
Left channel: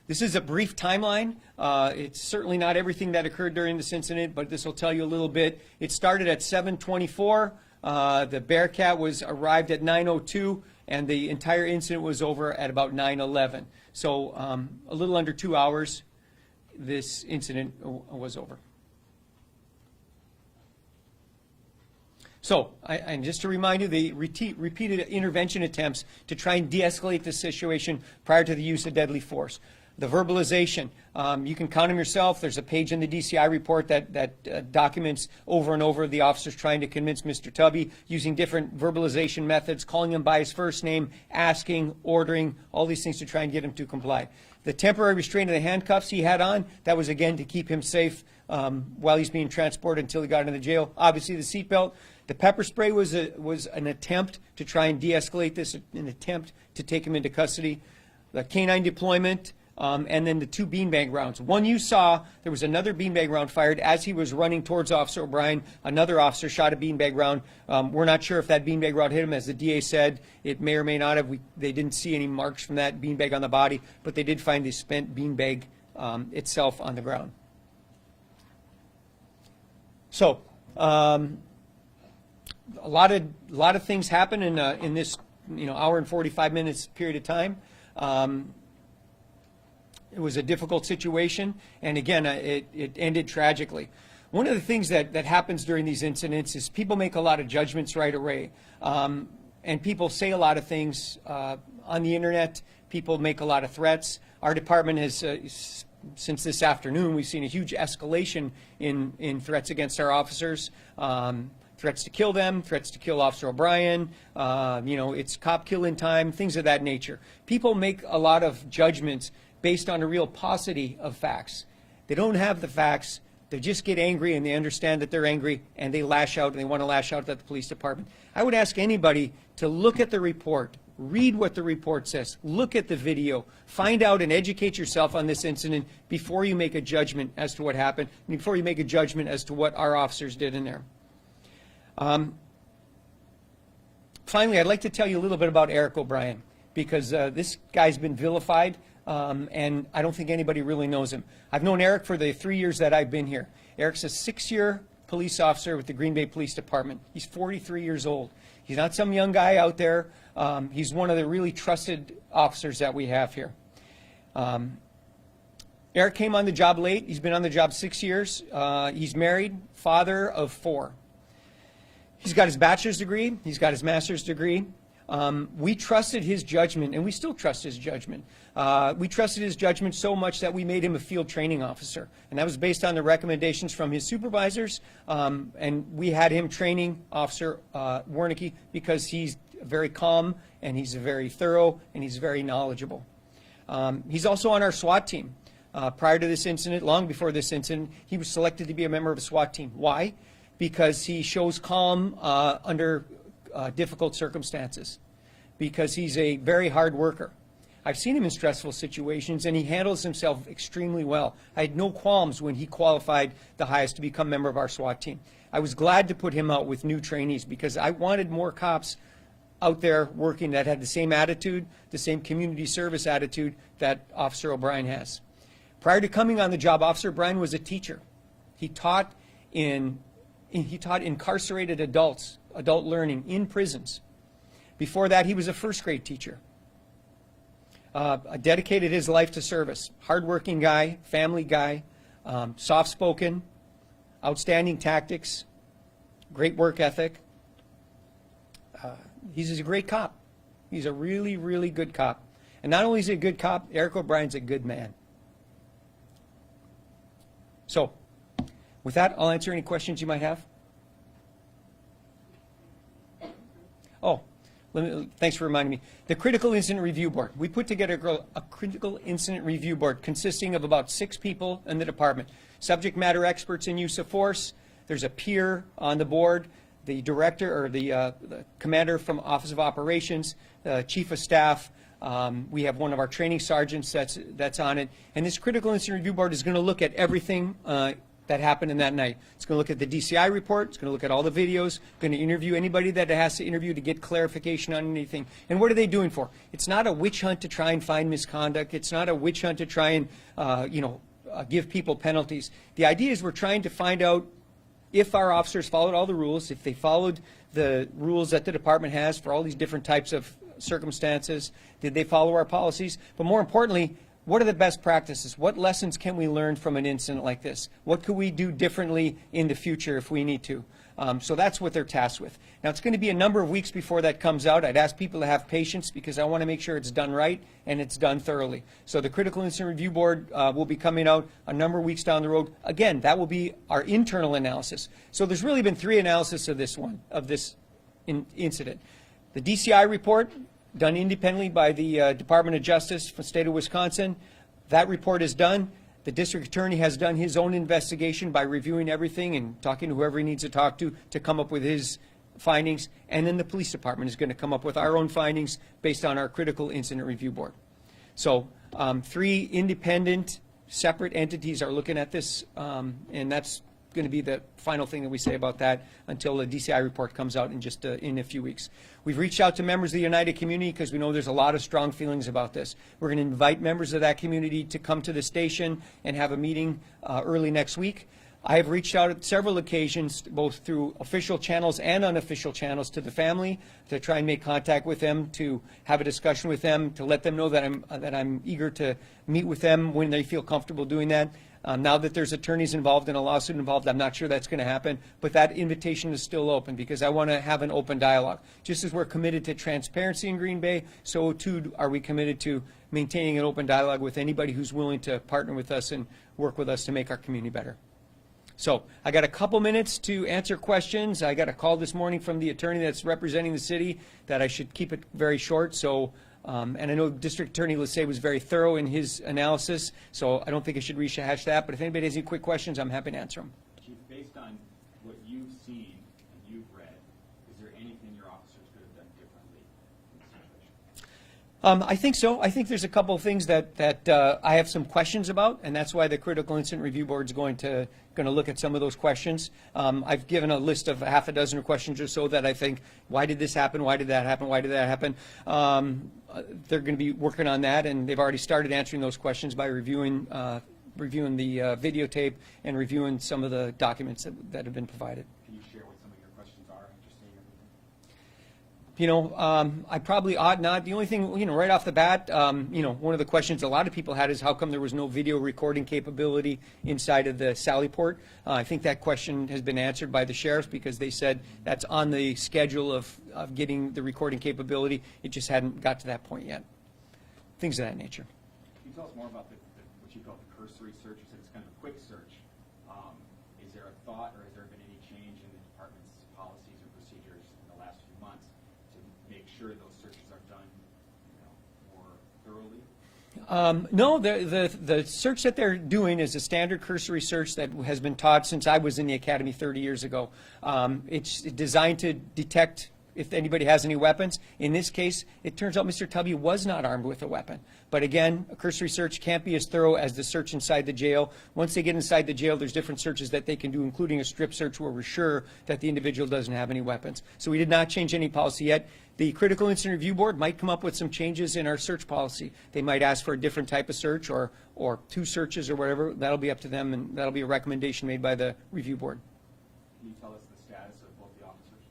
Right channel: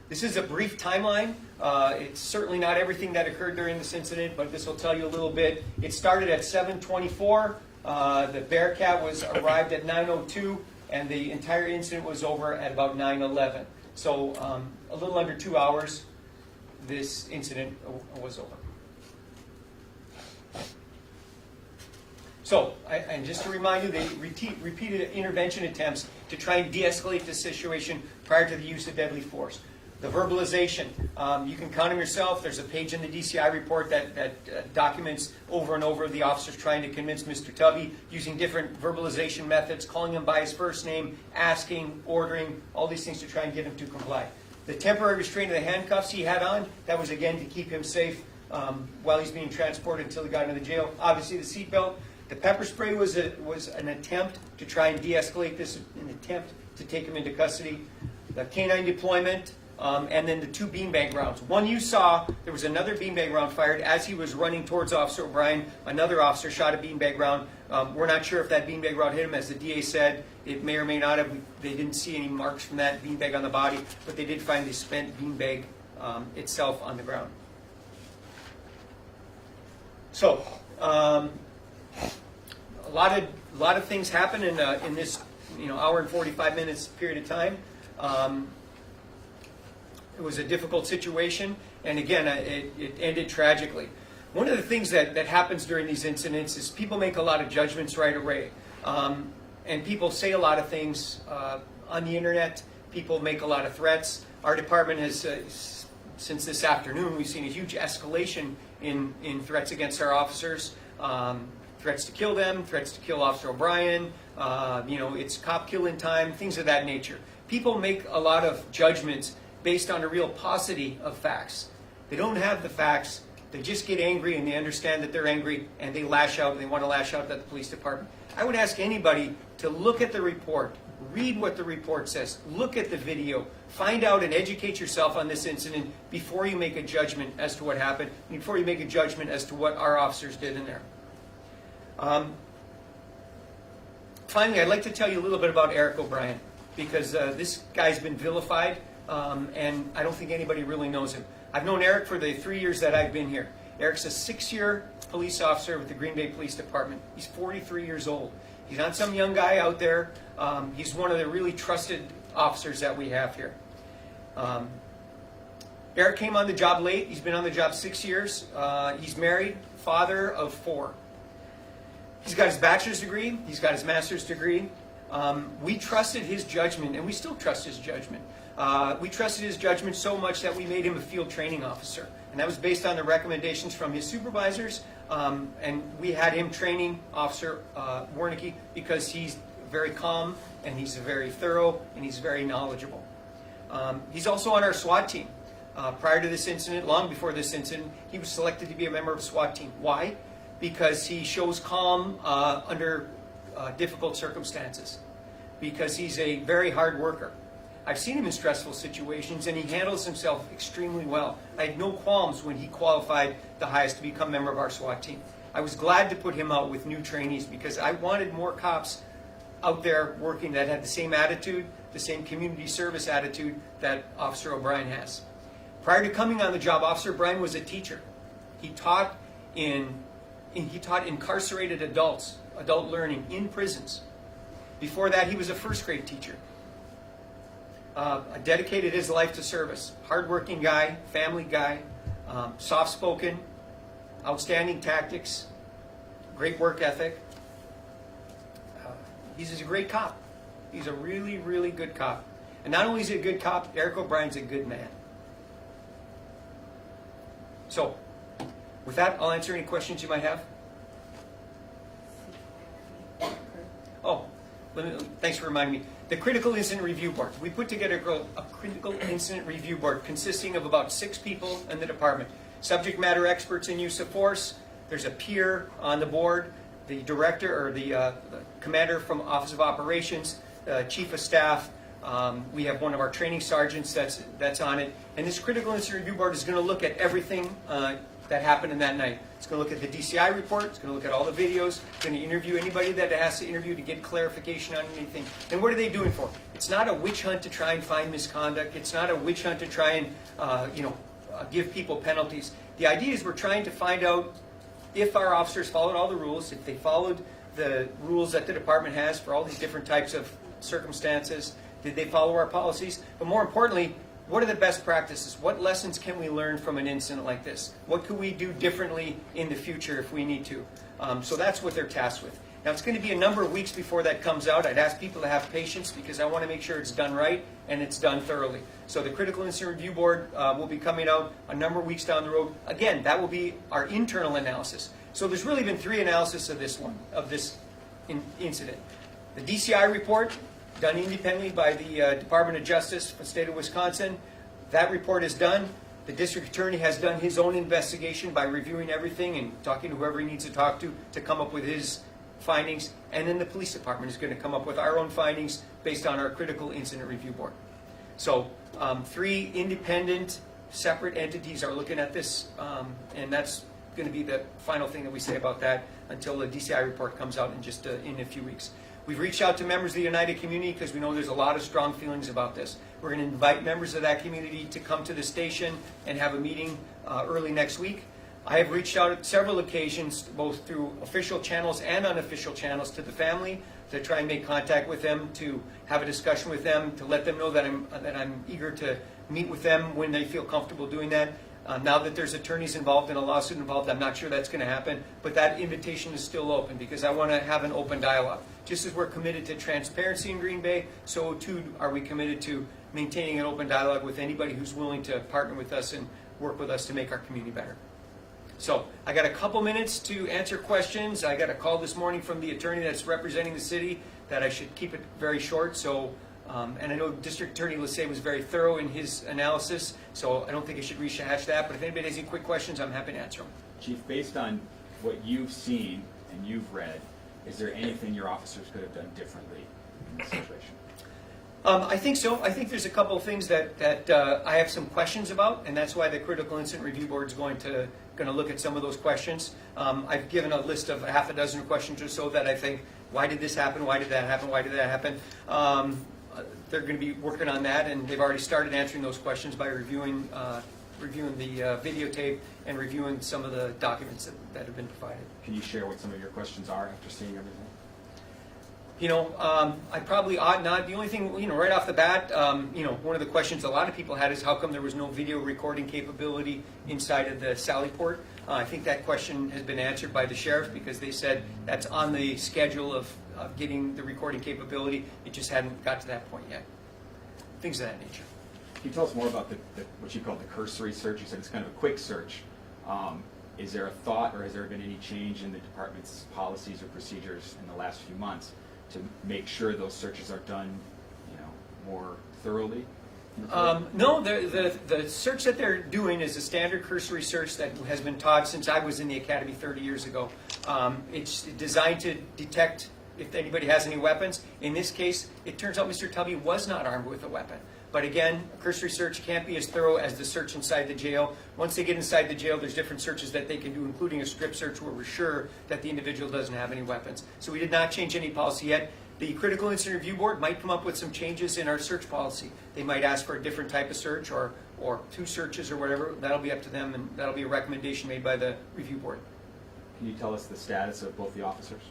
This is a brief timeline. It's certainly not everything that occurred during this incident, but this will tell you a little bit. It started at 7:24. The Bearcat arrived at 9:02, and the entire incident was over at about 9:11. So a little under 2 hours, this incident was over. So, and just to remind you, they repeated intervention attempts to try and de-escalate the situation prior to the use of deadly force. The verbalization, you can count on yourself. There's a page in the DCI report that documents over and over the officers trying to convince Mr. Tubby using different verbalization methods, calling him by his first name, asking, ordering, all these things to try and get him to comply. The temporary restraint of the handcuffs he had on, that was again to keep him safe while he's being transported until he got into the jail. Obviously the seatbelt. The pepper spray was an attempt to try and de-escalate this, an attempt to take him into custody. The canine deployment. And then the two beanbag rounds. One you saw, there was another beanbag round fired as he was running towards Officer O'Brien. Another officer shot a beanbag round. We're not sure if that beanbag round hit him. As the DA said, it may or may not have. They didn't see any marks from that beanbag on the body, but they did find the spent beanbag itself on the ground. So, a lot of things happen in this hour and 45 minutes period of time. It was a difficult situation, and again, it ended tragically. One of the things that happens during these incidents is people make a lot of judgments right away, and people say a lot of things on the internet People make a lot of threats. Our department has, since this afternoon, we've seen a huge escalation in threats against our officers. Threats to kill them, threats to kill Officer O'Brien, it's cop killing time, things of that nature. People make a lot of judgments based on a real paucity of facts. They don't have the facts, they just get angry and they understand that they're angry and they lash out and they want to lash out at the police department. I would ask anybody to look at the report, read what the report says, look at the video, find out and educate yourself on this incident before you make a judgment as to what happened, before you make a judgment as to what our officers did in there. Finally, I'd like to tell you a little bit about Eric O'Brien, because this guy's been vilified, and I don't think anybody really knows him. I've known Eric for the 3 years that I've been here. Eric's a 6-year police officer with the Green Bay Police Department. He's 43 years old. He's not some young guy out there. He's one of the really trusted officers that we have here. Eric came on the job late. He's been on the job 6 years. He's married, father of 4. He's got his bachelor's degree. He's got his master's degree. We trusted his judgment, and we still trust his judgment. We trusted his judgment so much that we made him a field training officer. And that was based on the recommendations from his supervisors. And we had him training Officer Warnicki because he's very calm, and he's very thorough, and he's very knowledgeable. He's also on our SWAT team. Prior to this incident, long before this incident, he was selected to be a member of a SWAT team. Why? Because he shows calm under difficult circumstances. Because he's a very hard worker. I've seen him in stressful situations, and he handles himself extremely well. I had no qualms when he qualified the highest to become a member of our SWAT team. I was glad to put him out with new trainees because I wanted more cops out there working that had the same attitude, the same community service attitude that Officer O'Brien has. Prior to coming on the job, Officer O'Brien was a teacher. He taught incarcerated adults, adult learning in prisons. Before that, he was a first grade teacher. Dedicated his life to service. Hardworking guy, family guy, soft-spoken, outstanding tactics, great work ethic. He's a great cop. He's a really, really good cop. And not only is he a good cop, Eric O'Brien's a good man. So, with that, I'll answer any questions you might have. Oh, thanks for reminding me. The Critical Incident Review Board. We put together a Critical Incident Review Board consisting of about 6 people in the department. Subject matter experts in use of force. There's a peer on the board, the director or the commander from Office of Operations, the chief of staff. We have one of our training sergeants that's on it. And this Critical Incident Review Board is going to look at everything that happened in that night. It's going to look at the DCI report. It's going to look at all the videos. It's going to interview anybody that it has to interview to get clarification on anything. And what are they doing for? It's not a witch hunt to try and find misconduct. It's not a witch hunt to try and give people penalties. The idea is we're trying to find out if our officers followed all the rules, if they followed the rules that the department has for all these different types of circumstances. Did they follow our policies? But more importantly, what are the best practices? What lessons can we learn from an incident like this? What could we do differently in the future if we need to? So that's what they're tasked with. Now, it's going to be a number of weeks before that comes out. I'd ask people to have patience because I want to make sure it's done right and it's done thoroughly. So the Critical Incident Review Board will be coming out a number of weeks down the road. Again, that will be our internal analysis. So there's really been 3 analyses of this incident. The DCI report, done independently by the Department of Justice for the state of Wisconsin. That report is done. The district attorney has done his own investigation by reviewing everything and talking to whoever he needs to talk to come up with his findings. And then the police department is going to come up with our own findings based on our Critical Incident Review Board. So 3 independent, separate entities are looking at this, and that's going to be the final thing that we say about that until the DCI report comes out in a few weeks. We've reached out to members of the United community because we know there's a lot of strong feelings about this. We're going to invite members of that community to come to the station and have a meeting early next week. I have reached out at several occasions, both through official channels and unofficial channels, to the family to try and make contact with them, to have a discussion with them, to let them know that I'm eager to meet with them when they feel comfortable doing that. Now that there's attorneys involved and a lawsuit involved, I'm not sure that's going to happen, but that invitation is still open because I want to have an open dialogue. Just as we're committed to transparency in Green Bay, so too are we committed to maintaining an open dialogue with anybody who's willing to partner with us and work with us to make our community better. So I got a couple minutes to answer questions. I got a call this morning from the attorney that's representing the city that I should keep it very short. So, and I know District Attorney Lassay was very thorough in his analysis, so I don't think I should rehash that. But if anybody has any quick questions, I'm happy to answer them. Chief, based on what you've seen and you've read, is there anything your officers could have done differently in this situation? I think so. I think there's a couple of things that I have some questions about, and that's why the Critical Incident Review Board is going to look at some of those questions. I've given a list of half a dozen questions or so that I think, why did this happen? Why did that happen? Why did that happen? They're going to be working on that, and they've already started answering those questions by reviewing the videotape and reviewing some of the documents that have been provided. Can you share what some of your questions are after seeing everything? You know, I probably ought not. The only thing, you know, right off the bat, you know, one of the questions a lot of people had is how come there was no video recording capability inside of the Sally Port? I think that question has been answered by the sheriffs because they said that's on the schedule of getting the recording capability. It just hadn't got to that point yet. Things of that nature. Can you tell us more about what you call the cursory search? You said it's kind of a quick search. Is there a thought, or has there been any change in the department's policies or procedures in the last few months to make sure those searches are done, you know, more thoroughly? No, the search that they're doing is a standard cursory search that has been taught since I was in the academy 30 years ago. It's designed to detect if anybody has any weapons. In this case, it turns out Mr. Tubby was not armed with a weapon. But again, a cursory search can't be as thorough as the search inside the jail. Once they get inside the jail, there's different searches that they can do, including a strip search where we're sure that the individual doesn't have any weapons. So we did not change any policy yet. The Critical Incident Review Board might come up with some changes in our search policy. They might ask for a different type of search or two searches or whatever. That'll be up to them, and that'll be a recommendation made by the review board. Can you tell us the status of both the officers?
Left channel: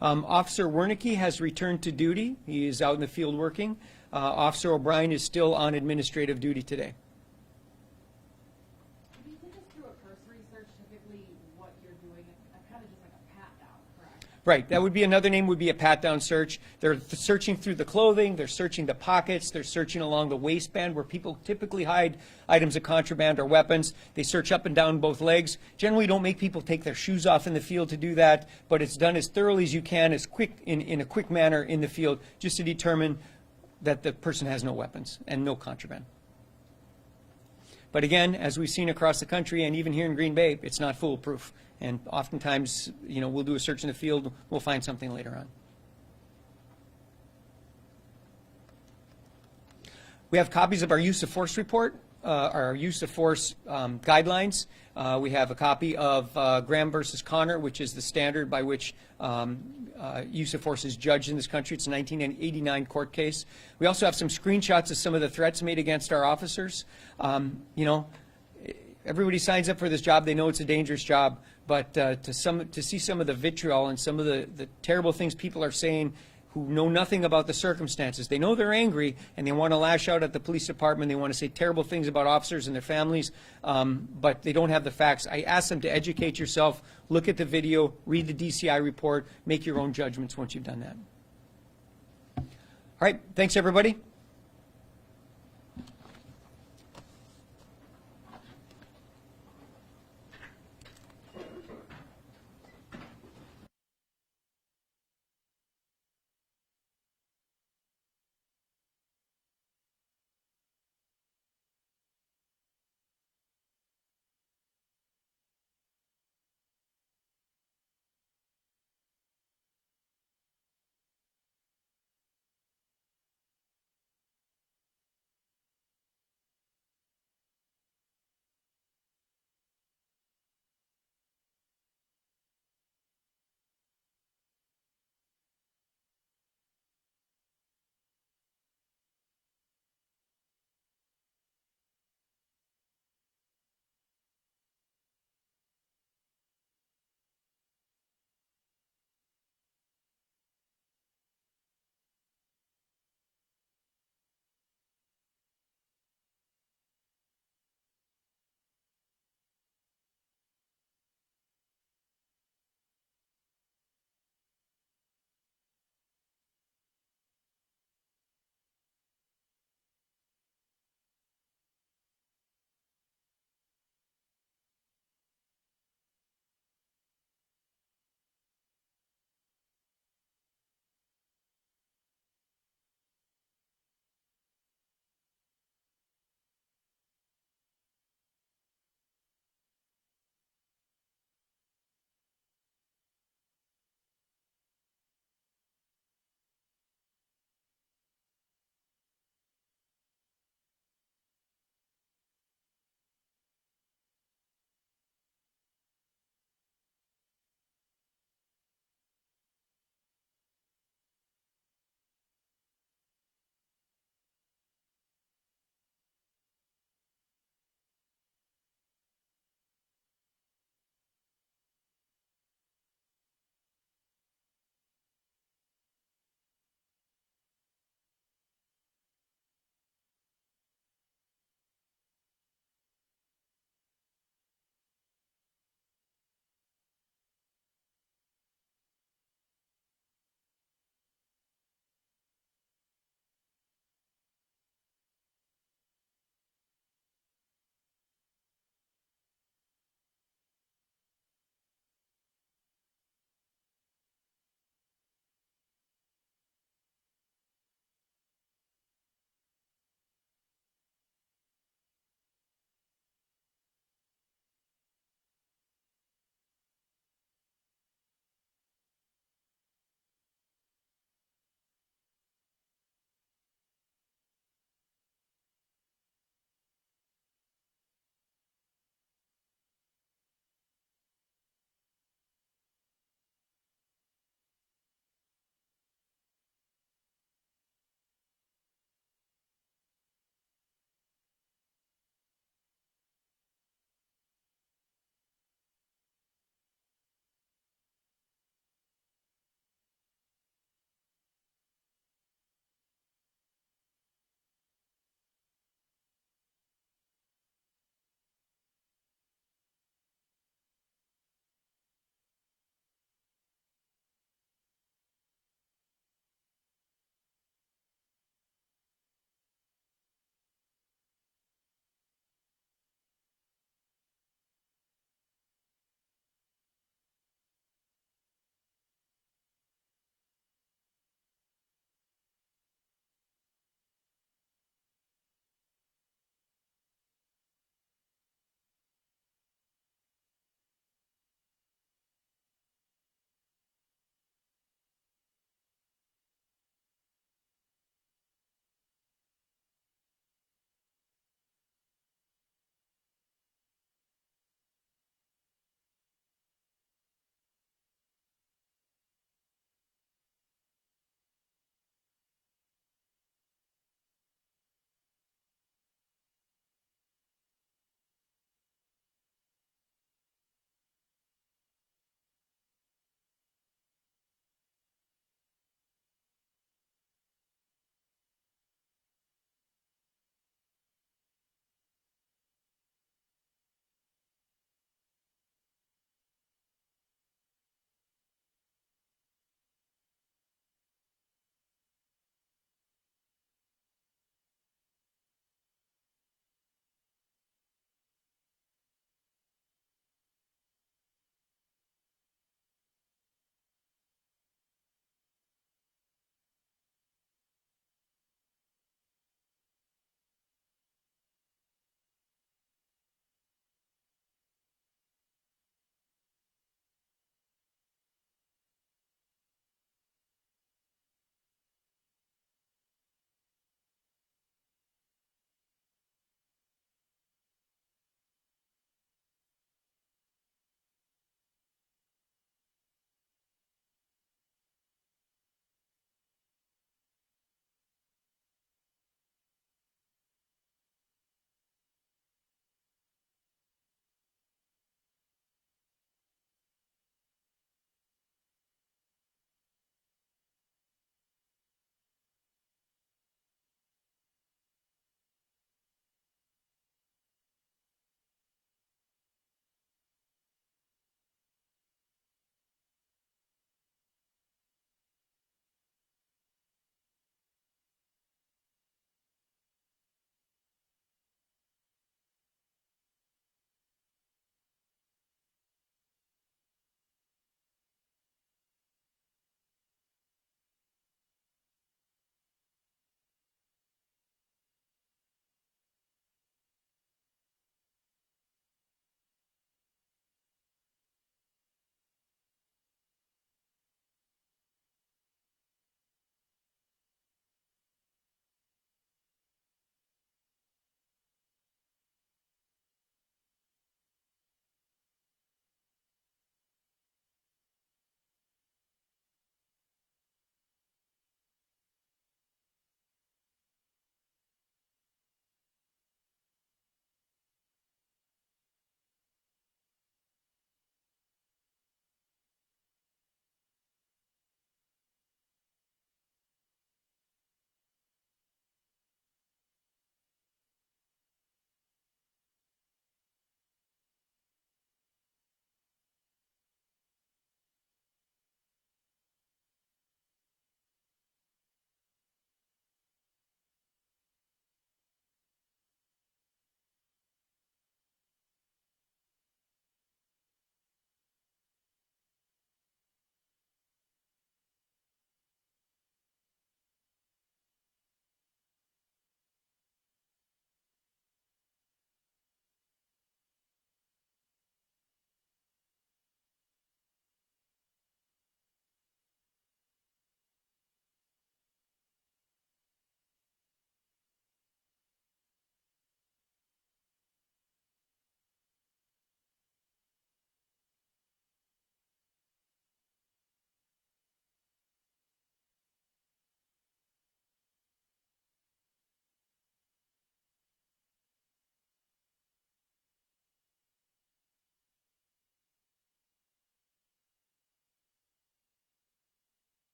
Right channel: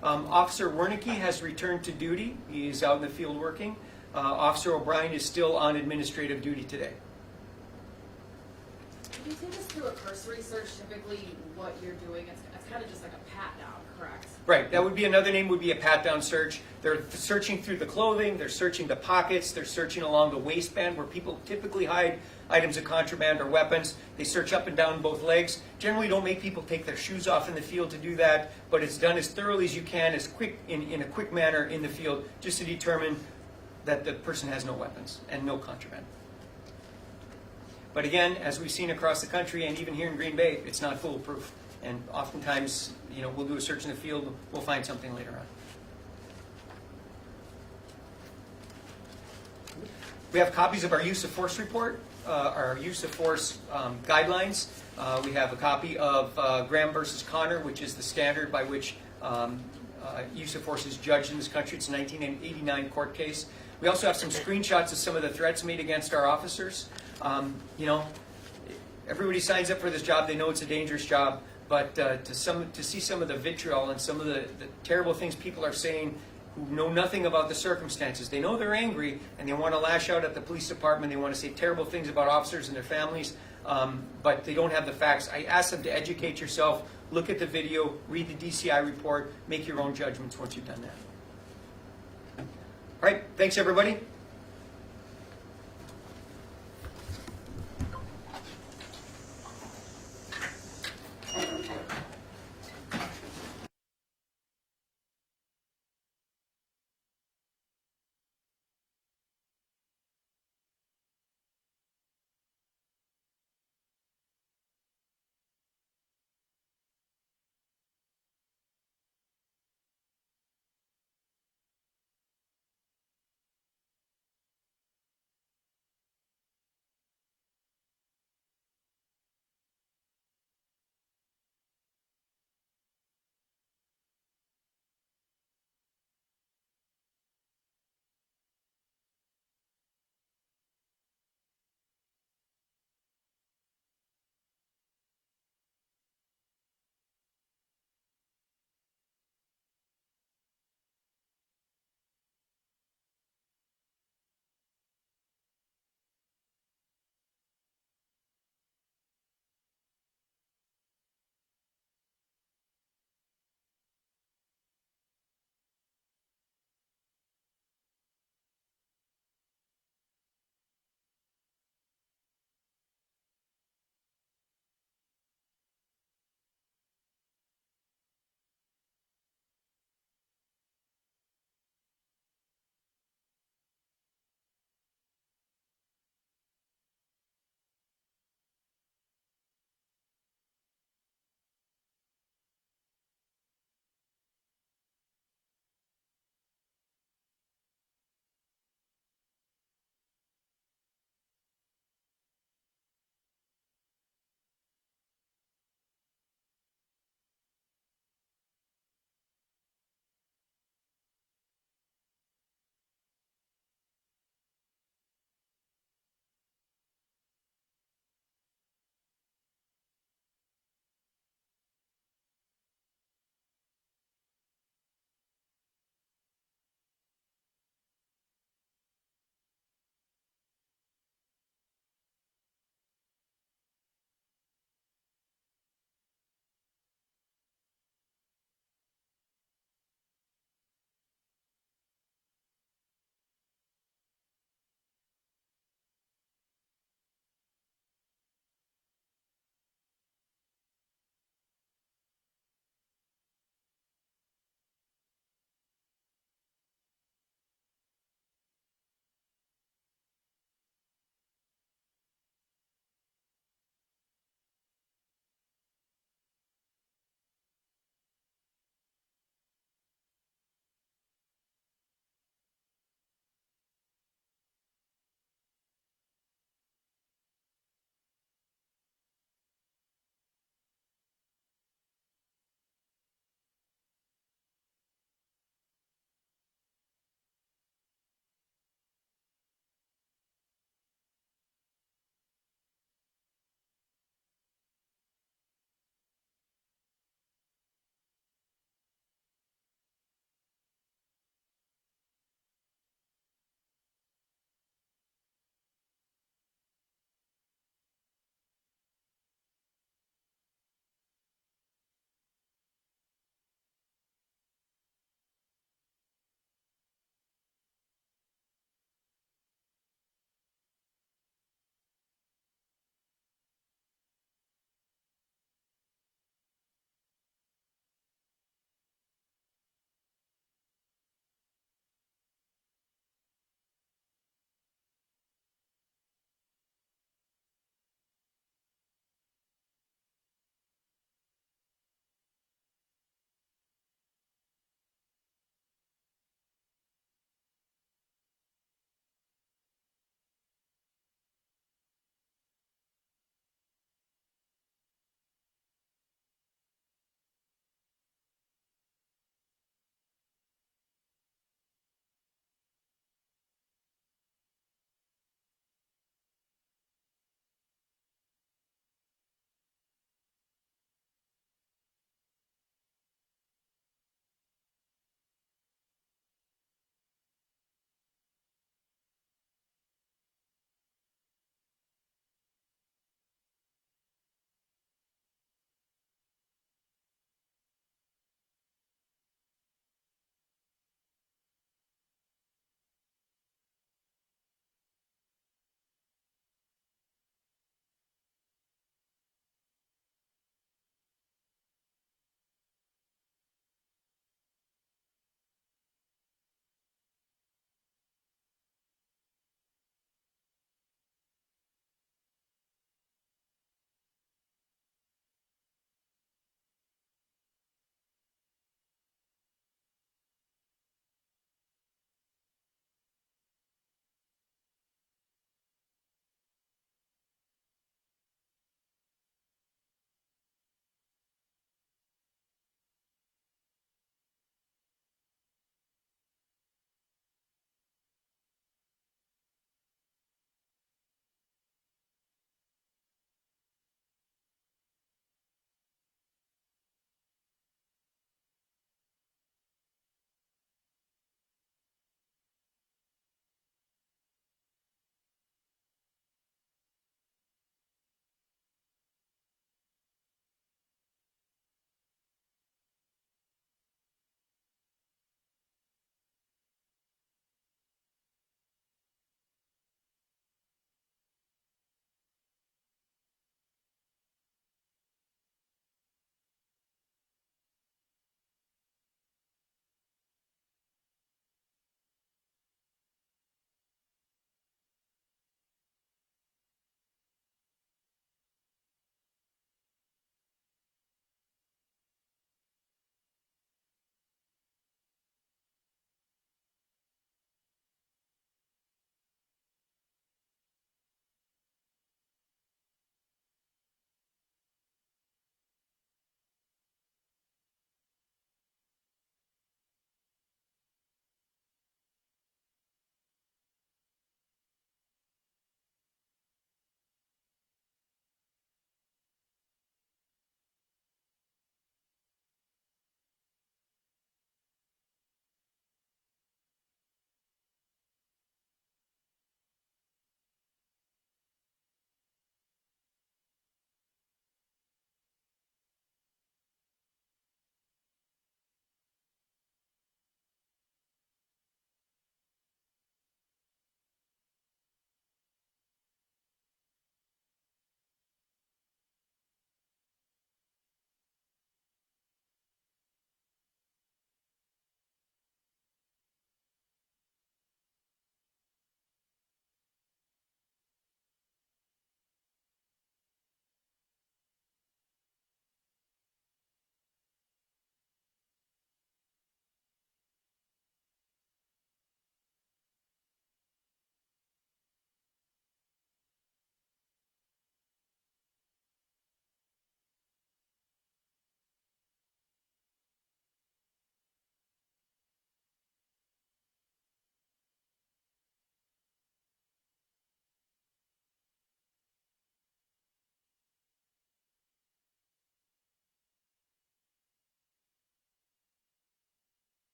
Officer Wernicke has returned to duty. He is out in the field working. Officer O'Brien is still on administrative duty today. Can you take us through a cursory search? Typically, what you're doing, it's kind of just like a pat down, correct? Right. That would be another name. Would be a pat down search. They're searching through the clothing. They're searching the pockets. They're searching along the waistband where people typically hide items of contraband or weapons. They search up and down both legs. Generally, don't make people take their shoes off in the field to do that, but it's done as thoroughly as you can, as quick in a quick manner in the field, just to determine that the person has no weapons and no contraband. But again, as we've seen across the country and even here in Green Bay, it's not foolproof. And oftentimes, you know, we'll do a search in the field, we'll find something later on. We have copies of our use of force report, our use of force guidelines. We have a copy of Graham versus Connor, which is the standard by which use of force is judged in this country. It's a 1989 court case. We also have some screenshots of some of the threats made against our officers. You know, everybody signs up for this job. They know it's a dangerous job. But to see some of the vitriol and some of the terrible things people are saying who know nothing about the circumstances. They know they're angry and they want to lash out at the police department. They want to say terrible things about officers and their families, but they don't have the facts. I ask them to educate yourself, look at the video, read the DCI report, make your own judgments once you've done that. All right, thanks everybody.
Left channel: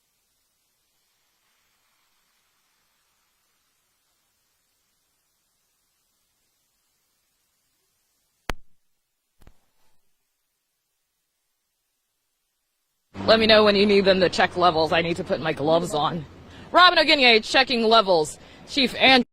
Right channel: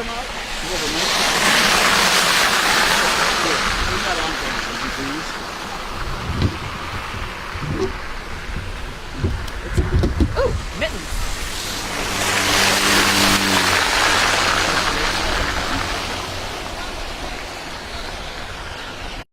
come out? Ooh, mittens. Let me know when you need them to check levels. I need to put my gloves on. Robin O'Guinye checking levels. Chief and